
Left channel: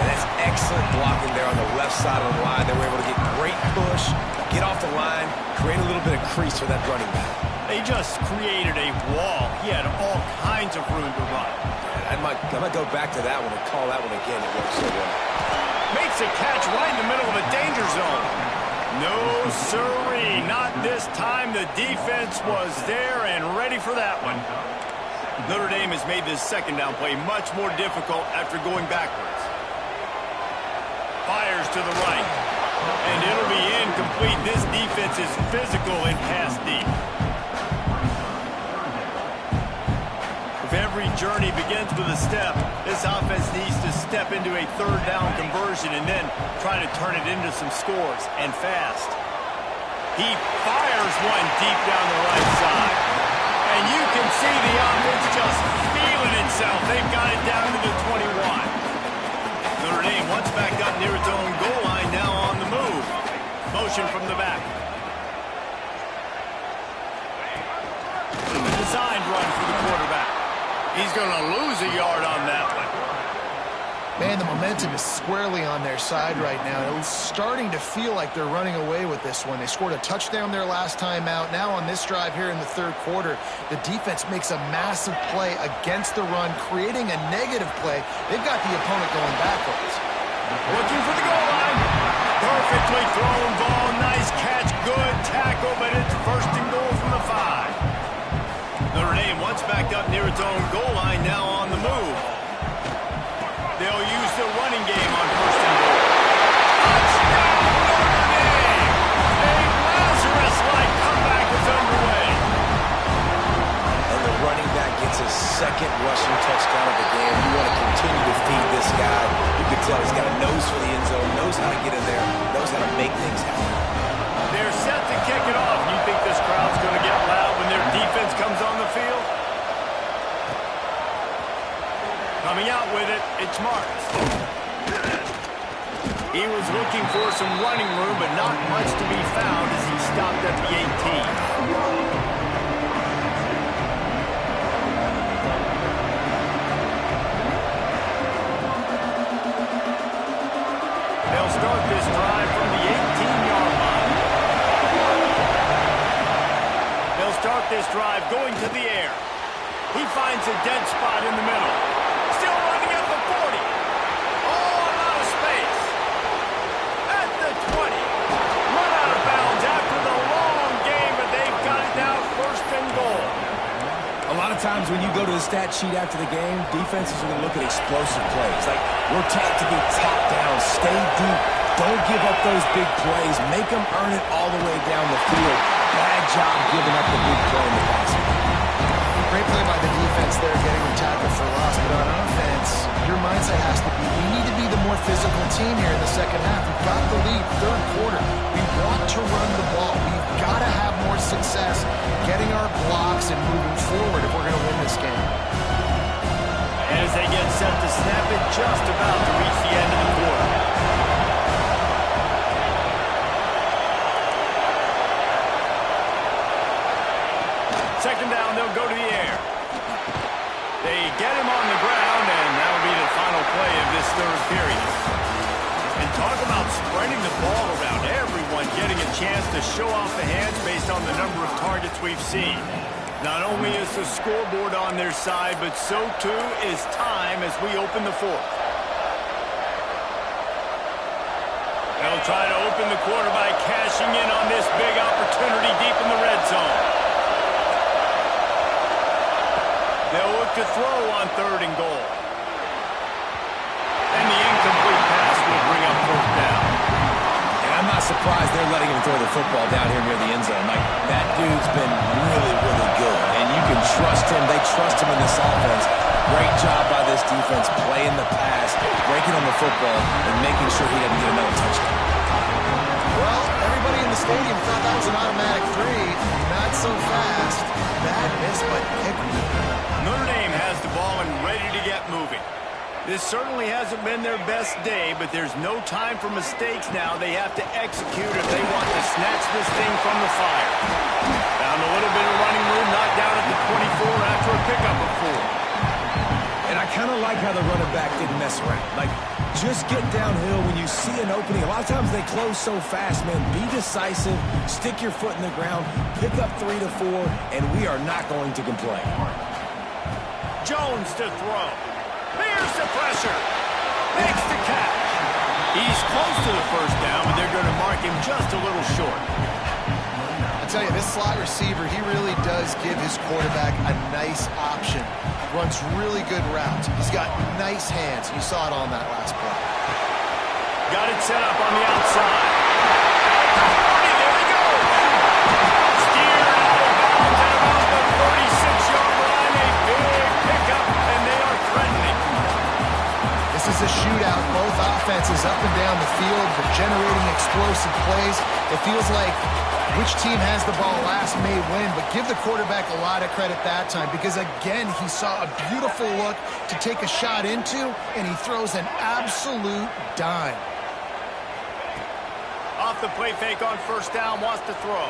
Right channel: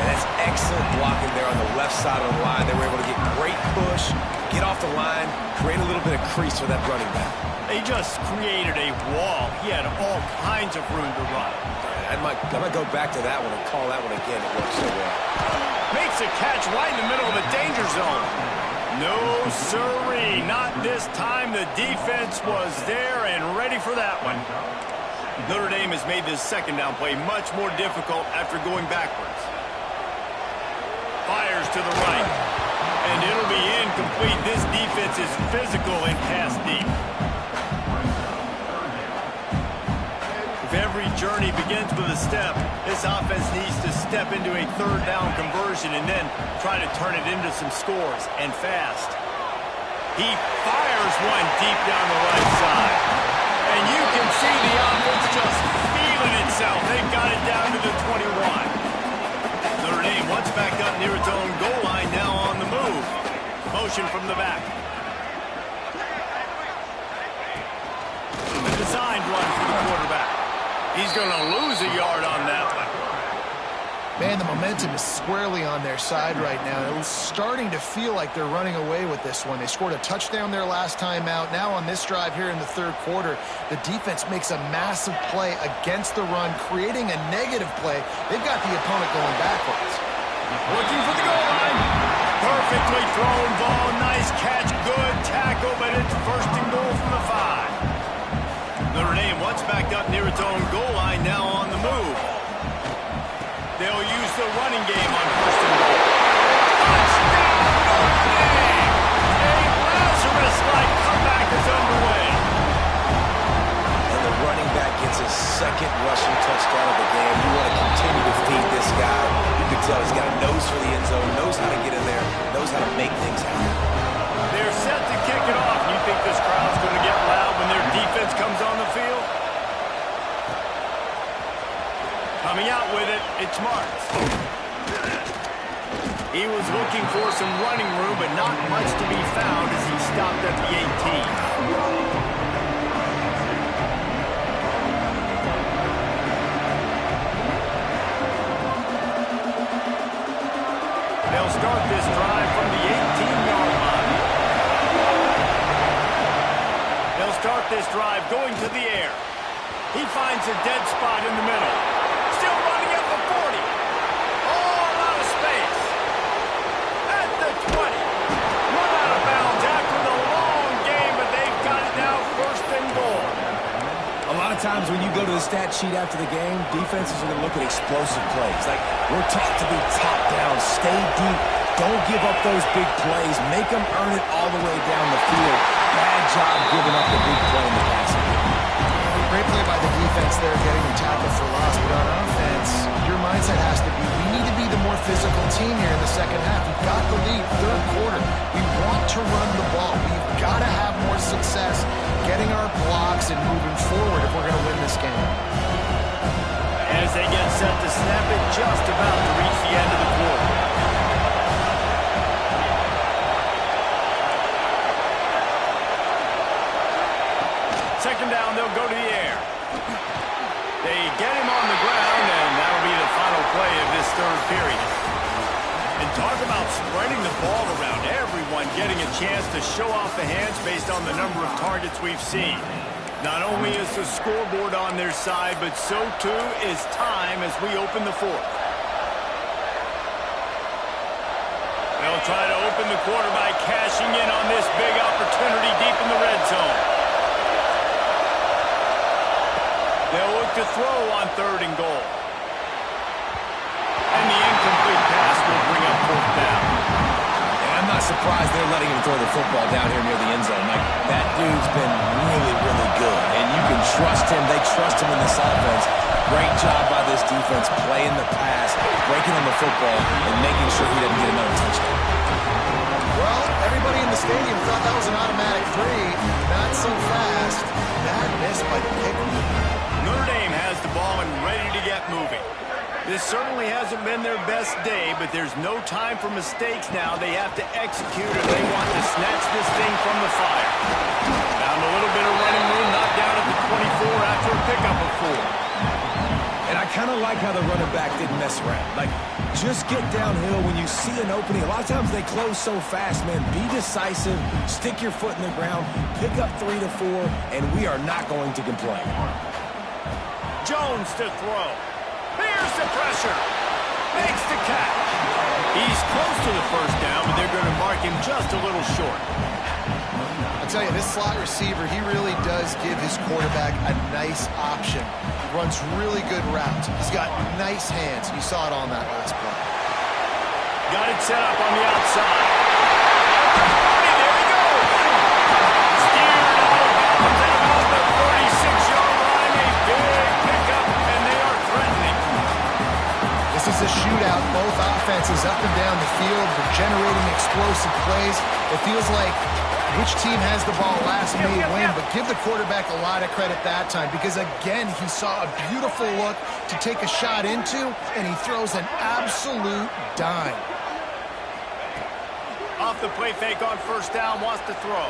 And that's excellent blocking there on the left side of the line. They were able to get great push, get off the line, create a little bit of crease for that running back. They just created a wall. He had all kinds of room to run. I might go back to that one and call that one again. It worked so well. Makes a catch right in the middle of a danger zone. No, sirree, not this time. The defense was there and ready for that one. Notre Dame has made this second down play much more difficult after going backwards. Fires to the right, and it'll be incomplete. This defense is physical and pass deep. If every journey begins with a step, this offense needs to step into a third down conversion and then try to turn it into some scores, and fast. He fires one deep down the right side. And you can see the offense just feeling itself. They've got it down to the 21. Notre Dame once back up near its own goal line, now on the move. Motion from the back. A designed run for the quarterback. He's going to lose a yard on that one. Man, the momentum is squarely on their side right now. It's starting to feel like they're running away with this one. They scored a touchdown their last time out. Now on this drive here in the third quarter, the defense makes a massive play against the run, creating a negative play. They've got the opponent going backwards. Looking for the goal line. Perfectly thrown ball. Nice catch. Good tackle, but it's first and goal from the 5. Notre Dame once back up near its own goal line, now on the move. They'll use the running game on first and goal. Touchdown, Notre Dame! A Lazarus-like comeback is underway. And the running back gets his second rushing touchdown of the game. You want to continue to feed this guy. You can tell he's got a nose for the end zone, knows how to get in there, knows how to make things happen. They're set to kick it off. You think this crowd's going to get loud when their defense comes on the field? Coming out with it, it's Marks. He was looking for some running room, but not much to be found as he stopped at the 18. They'll start this drive from the 18-yard line. They'll start this drive going to the air. He finds a dead spot in the middle. Still running at the 40. Oh, a lot of space. At the 20. Run out of bounds after the long game, but they've got it now first and goal. A lot of times when you go to the stat sheet after the game, defenses are going to look at explosive plays. Like, we're taught to be top down, stay deep, don't give up those big plays, make them earn it all the way down the field. Bad job giving up the big play in the passing. Great play by the defense there, getting the tackle for loss. But on offense, your mindset has to be, we need to be the more physical team here in the second half. We've got the lead, third quarter. We want to run the ball. We've got to have more success getting our blocks and moving forward if we're going to win this game. As they get set to snap it, just about to reach the end of the quarter. Second down, they'll go to the air. They get him on the ground, and that'll be the final play of this third period. And Talk about spreading the ball around. Everyone getting a chance to show off the hands based on the number of targets we've seen. Not only is the scoreboard on their side, but so too is time as we open the fourth. They'll try to open the quarter by cashing in on this big opportunity deep in the red zone. They'll look to throw on 3rd and goal. And the incomplete pass will bring up 4th down. And I'm not surprised they're letting him throw the football down here near the end zone. Like, that dude's been really, really good. And you can trust him. They trust him in this offense. Great job by this defense playing the pass, breaking on the football, and making sure he doesn't get another touchdown. Well, everybody in the stadium thought that was an automatic 3. Not so fast. Bad miss by the kicker. Notre Dame has the ball and ready to get moving. This certainly hasn't been their best day, but there's no time for mistakes now. They have to execute if they want to snatch this thing from the fire. Found a little bit of running room, knocked down at the 24 after a pickup of 4. And I kind of like how the running back didn't mess around. Like, just get downhill when you see an opening. A lot of times they close so fast, man. Be decisive, stick your foot in the ground, pick up 3 to 4, and we are not going to complain. Jones to throw. Here's the pressure. Makes the catch. He's close to the 1st down, but they're going to mark him just a little short. I tell you, this slot receiver, he really does give his quarterback a nice option. Runs really good routes. He's got nice hands. You saw it on that last play. Got it set up on the outside. At the 40, there we go. Steered out of bounds at about the 36-yard line. A big pickup, and they are threatening. This is a shootout. Both offenses up and down the field. They're generating explosive plays. It feels like which team has the ball last may win, but give the quarterback a lot of credit that time because, again, he saw a beautiful look to take a shot into, and he throws an absolute dime. Off the play fake on 1st down, wants to throw.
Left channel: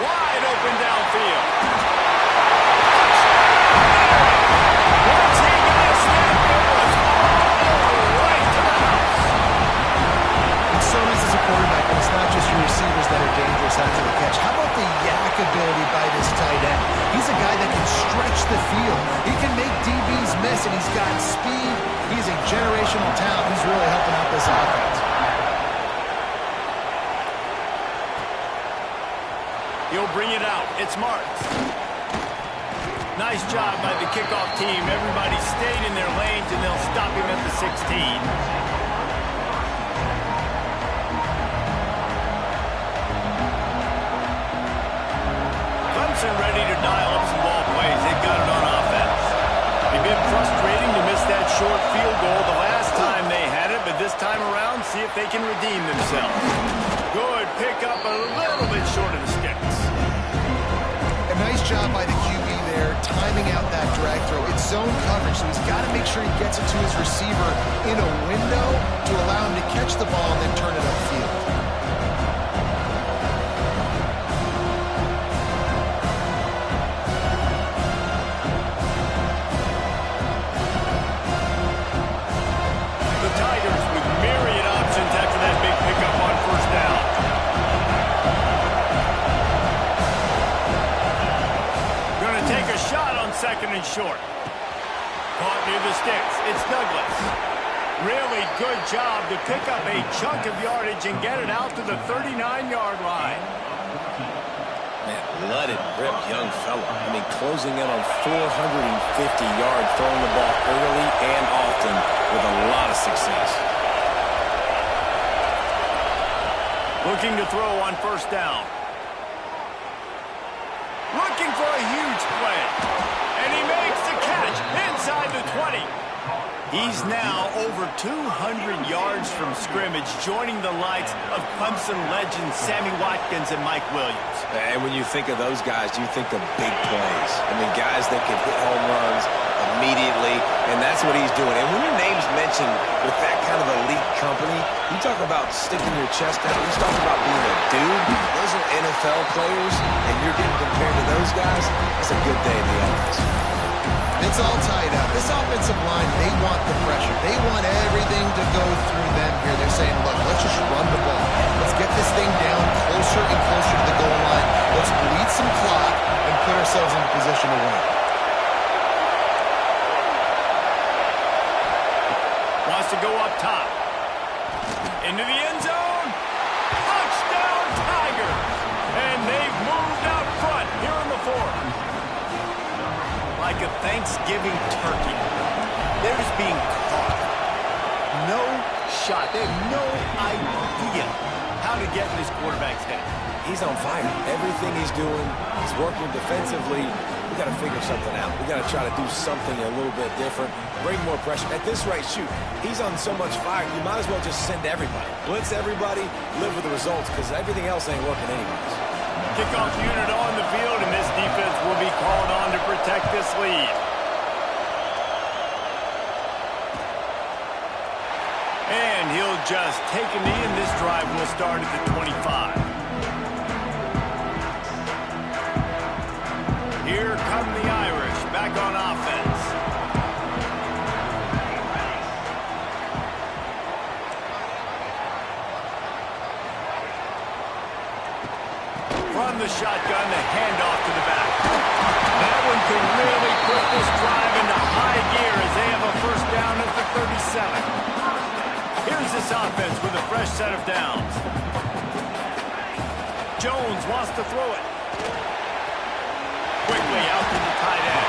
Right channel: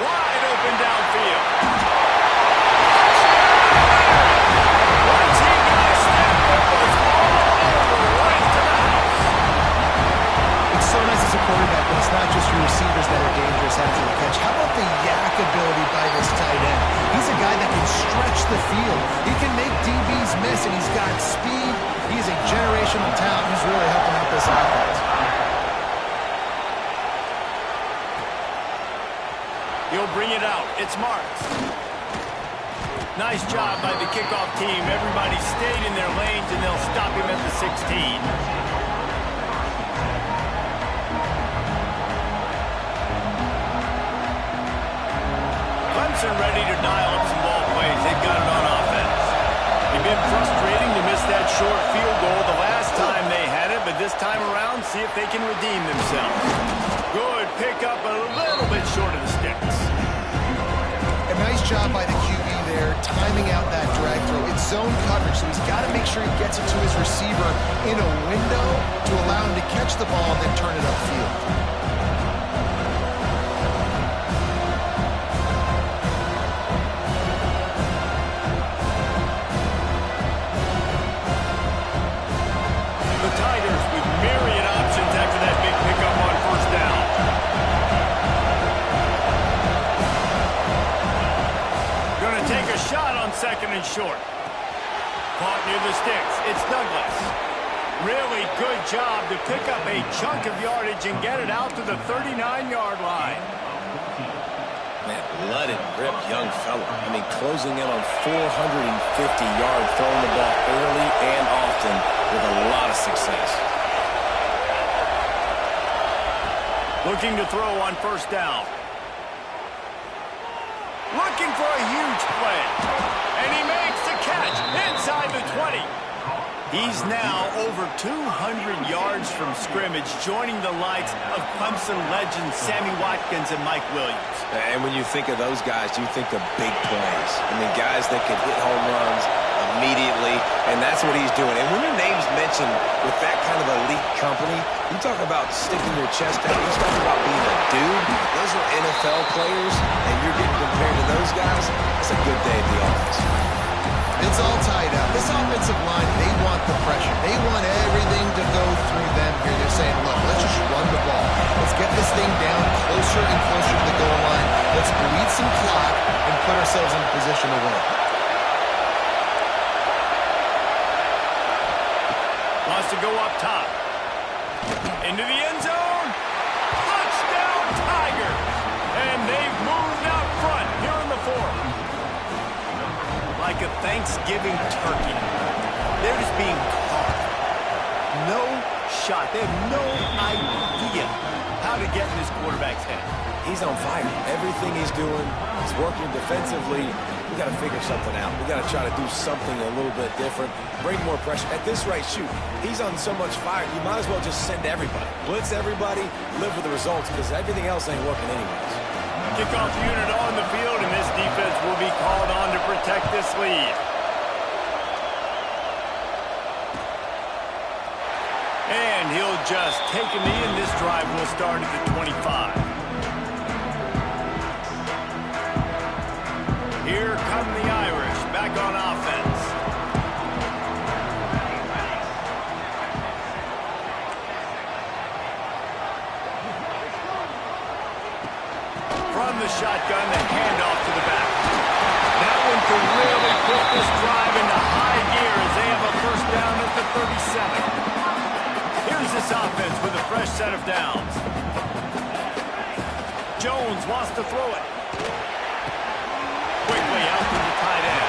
Wide open downfield. Once he got a snap, it was all over, right to the house. It's so nice as a quarterback when it's not just your receivers that are dangerous after the catch. How about the yak ability by this tight end? He's a guy that can stretch the field. He can make DBs miss, and he's got speed. He's a generational talent. He's really helping out this offense. He'll bring it out. It's Marks. Nice job by the kickoff team. Everybody stayed in their lanes, and they'll stop him at the 16. Clemson ready to dial up some ball plays. They've got it on offense. It's been frustrating to miss that short field goal the last time they had it, but this time around, see if they can redeem themselves. Good pickup, a little bit short of the sticks. A nice job by the QB there, timing out that drag throw. It's zone coverage, so he's got to make sure he gets it to his receiver in a window to allow him to catch the ball and then turn it upfield. The Tigers with myriad options after that big pickup on 1st down. Going to take a shot on 2nd and short. Caught near the sticks. It's Douglas. Really good job to pick up a chunk of yardage and get it out to the 39-yard line. Man, blooded, ripped young fella. I mean, closing in on 450 yards, throwing the ball early and often with a lot of success. Looking to throw on 1st down. Looking for a huge play. And he makes the catch inside the 20. He's now over 200 yards from scrimmage, joining the likes of Clemson legends Sammy Watkins and Mike Williams. And when you think of those guys, you think of big plays. I mean, guys that can hit home runs immediately, and that's what he's doing. And when your name's mentioned with that kind of elite company, you talk about sticking your chest out. You talk about being a dude. Those are NFL players, and you're getting compared to those guys. That's a good day at the office. It's all tied up. This offensive line, they want the pressure. They want everything to go through them here. They're saying, look, let's just run the ball. Let's get this thing down closer and closer to the goal line. Let's bleed some clock and put ourselves in a position to win. Wants to go up top. Into the end zone. Touchdown, Tigers. And they've moved out front here in the fourth. Like a Thanksgiving turkey. They're just being carved. No shot. They have no idea how to get in this quarterback's head. He's on fire. Everything he's doing, he's working defensively. We got to figure something out. We got to try to do something a little bit different. Bring more pressure. At this rate, shoot, he's on so much fire, you might as well just send everybody. Blitz everybody, live with the results, because everything else ain't working anyways. Kickoff unit on the field, and this defense will be called on to protect this lead. And he'll just take a knee, and this drive will start at the 25. Here come the Irish, back on offense. From the shotgun, the handoff to the back. That one could really put this drive into high gear as they have a first down at the 37. Here's this offense with a fresh set of downs. Jones wants to throw it. Quickly out to the tight end.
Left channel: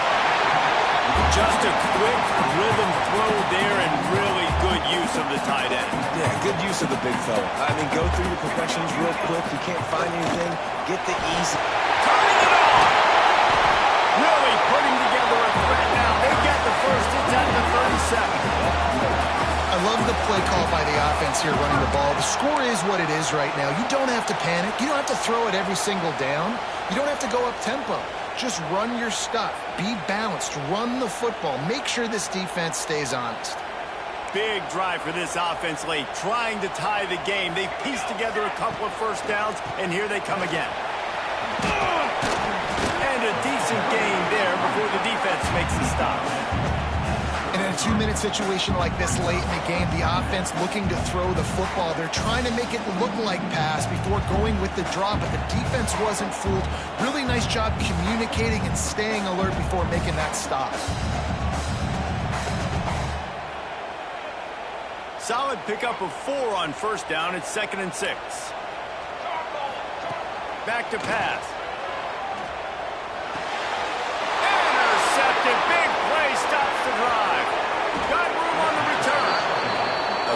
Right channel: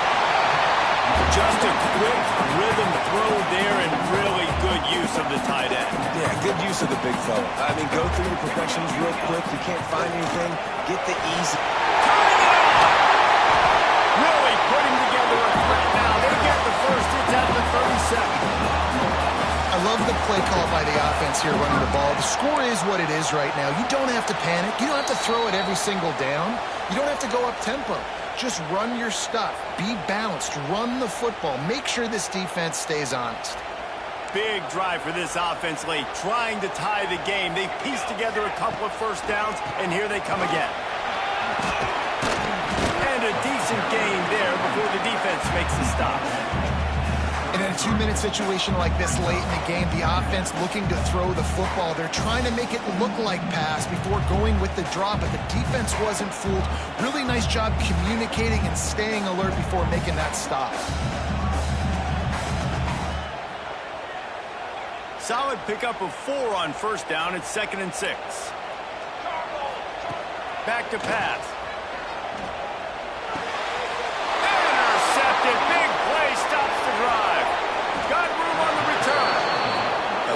Just a quick rhythm throw there and really good use of the tight end. Yeah, good use of the big fella. I mean, go through your progressions real quick. You can't find anything. Get the easy. Turning it on! Really putting together a threat now. They get the first. It's at the 37. I love the play call by the offense here running the ball. The score is what it is right now. You don't have to panic. You don't have to throw it every single down. You don't have to go up tempo. Just run your stuff. Be balanced. Run the football. Make sure this defense stays honest. Big drive for this offense late, trying to tie the game. They've pieced together a couple of first downs, and here they come again. And a decent gain there before the defense makes the stop. And in a 2-minute situation like this late in the game, the offense looking to throw the football. They're trying to make it look like pass before going with the draw, but the defense wasn't fooled. Really nice job communicating and staying alert before making that stop. Solid pickup of 4 on first down. It's 2nd and 6. Back to pass. Intercepted. Big play stops the drive. Got room on the return.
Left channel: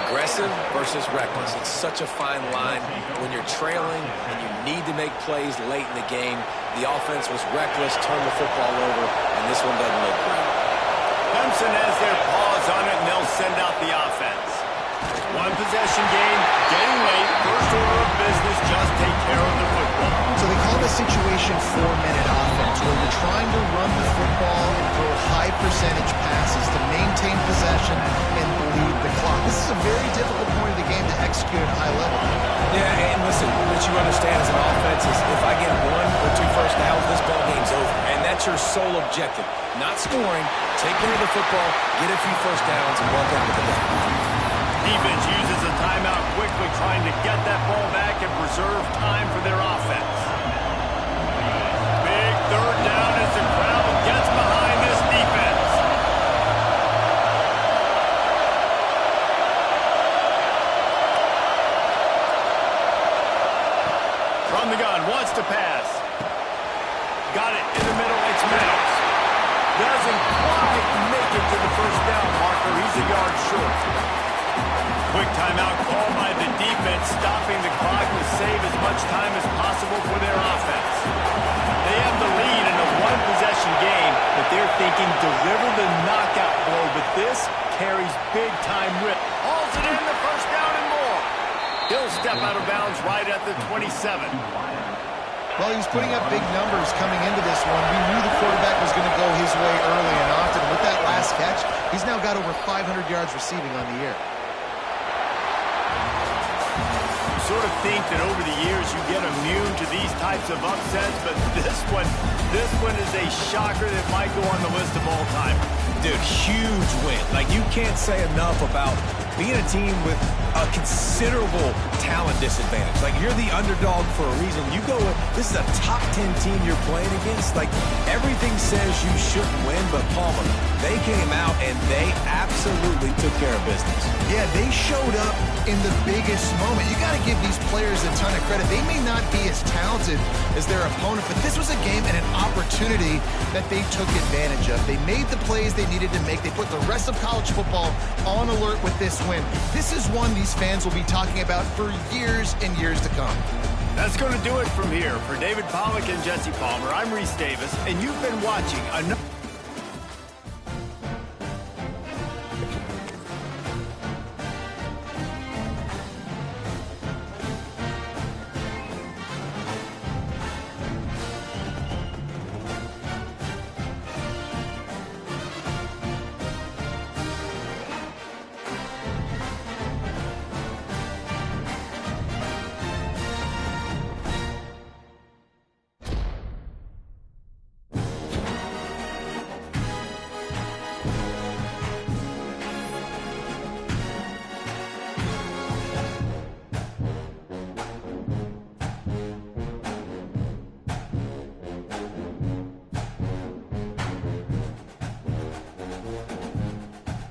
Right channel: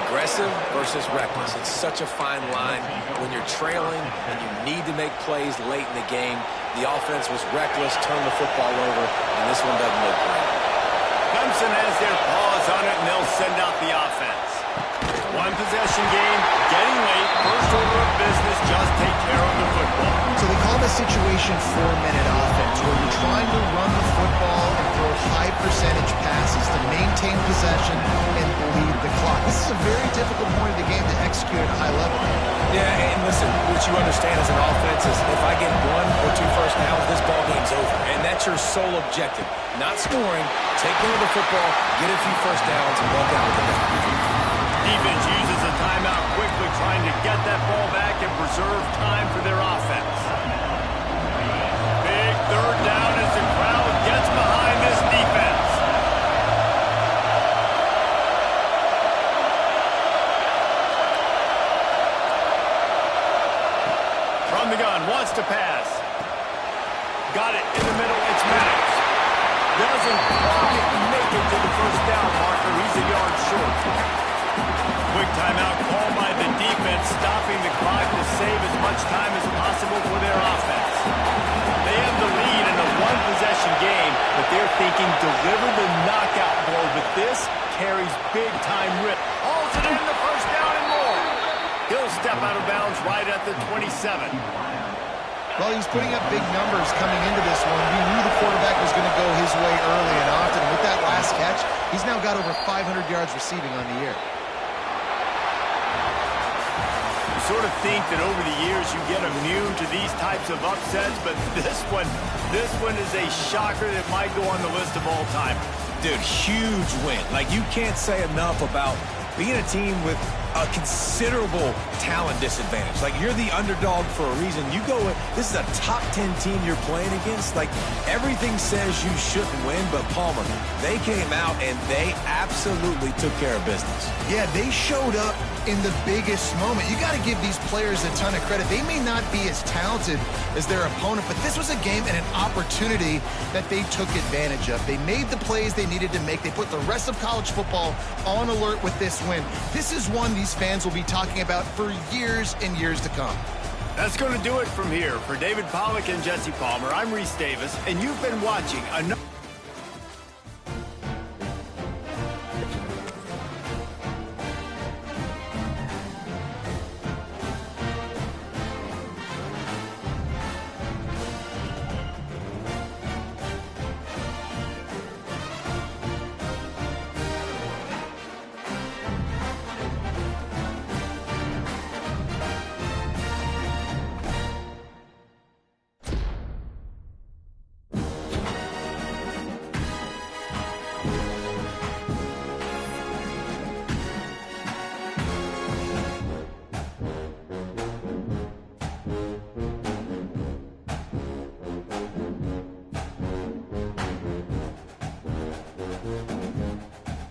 Aggressive versus reckless. It's such a fine line when you're trailing and you need to make plays late in the game. The offense was reckless, turned the football over, and this one doesn't look great. Clemson has their paws on it, and they'll send out the offense. One possession game, getting late, first order of business, just take care of the football. So they call this situation 4-minute offense, where you're trying to run the football and throw high percentage passes to maintain possession and bleed the clock. This is a very difficult point of the game to execute at a high level. Yeah, and listen, what you understand as an offense is if I get 1 or 2 first downs, this ball game's over. And that's your sole objective. Not scoring, take care of the football, get a few first downs, and walk out with the ball. Defense uses a timeout quickly, trying to get that ball back and preserve time for their offense. Big third down as the crowd gets behind this defense. From the gun, wants to pass. Got it in the middle, it's Meadows. Doesn't quite make it to the first down marker. He's a yard short. Quick timeout called by the defense, stopping the clock to save as much time as possible for their offense. They have the lead in a one-possession game, but they're thinking deliver the knockout blow, but this carries big-time rip. Hauls it in, the first down and more. He'll step out of bounds right at the 27. Well, he was putting up big numbers coming into this one. We knew the quarterback was going to go his way early and often. With that last catch, he's now got over 500 yards receiving on the year. sort of think that over the years you get immune to these types of upsets, but this one is a shocker that might go on the list of all-time. Dude, huge win. Like, you can't say enough about being a team with a considerable talent disadvantage. Like, you're the underdog for a reason. You go with, this is a top 10 team you're playing against. Like, everything says you shouldn't win, but Palmer, they came out and they absolutely took care of business. Yeah, they showed up in the biggest moment. You got to give these players a ton of credit. They may not be as talented as their opponent, but this was a game and an opportunity that they took advantage of. They made the plays they needed to make. They put the rest of college football on alert with this win. This is one these fans will be talking about for years and years to come. That's going to do it from here. For David Pollack and Jesse Palmer, I'm Reese Davis, and you've been watching another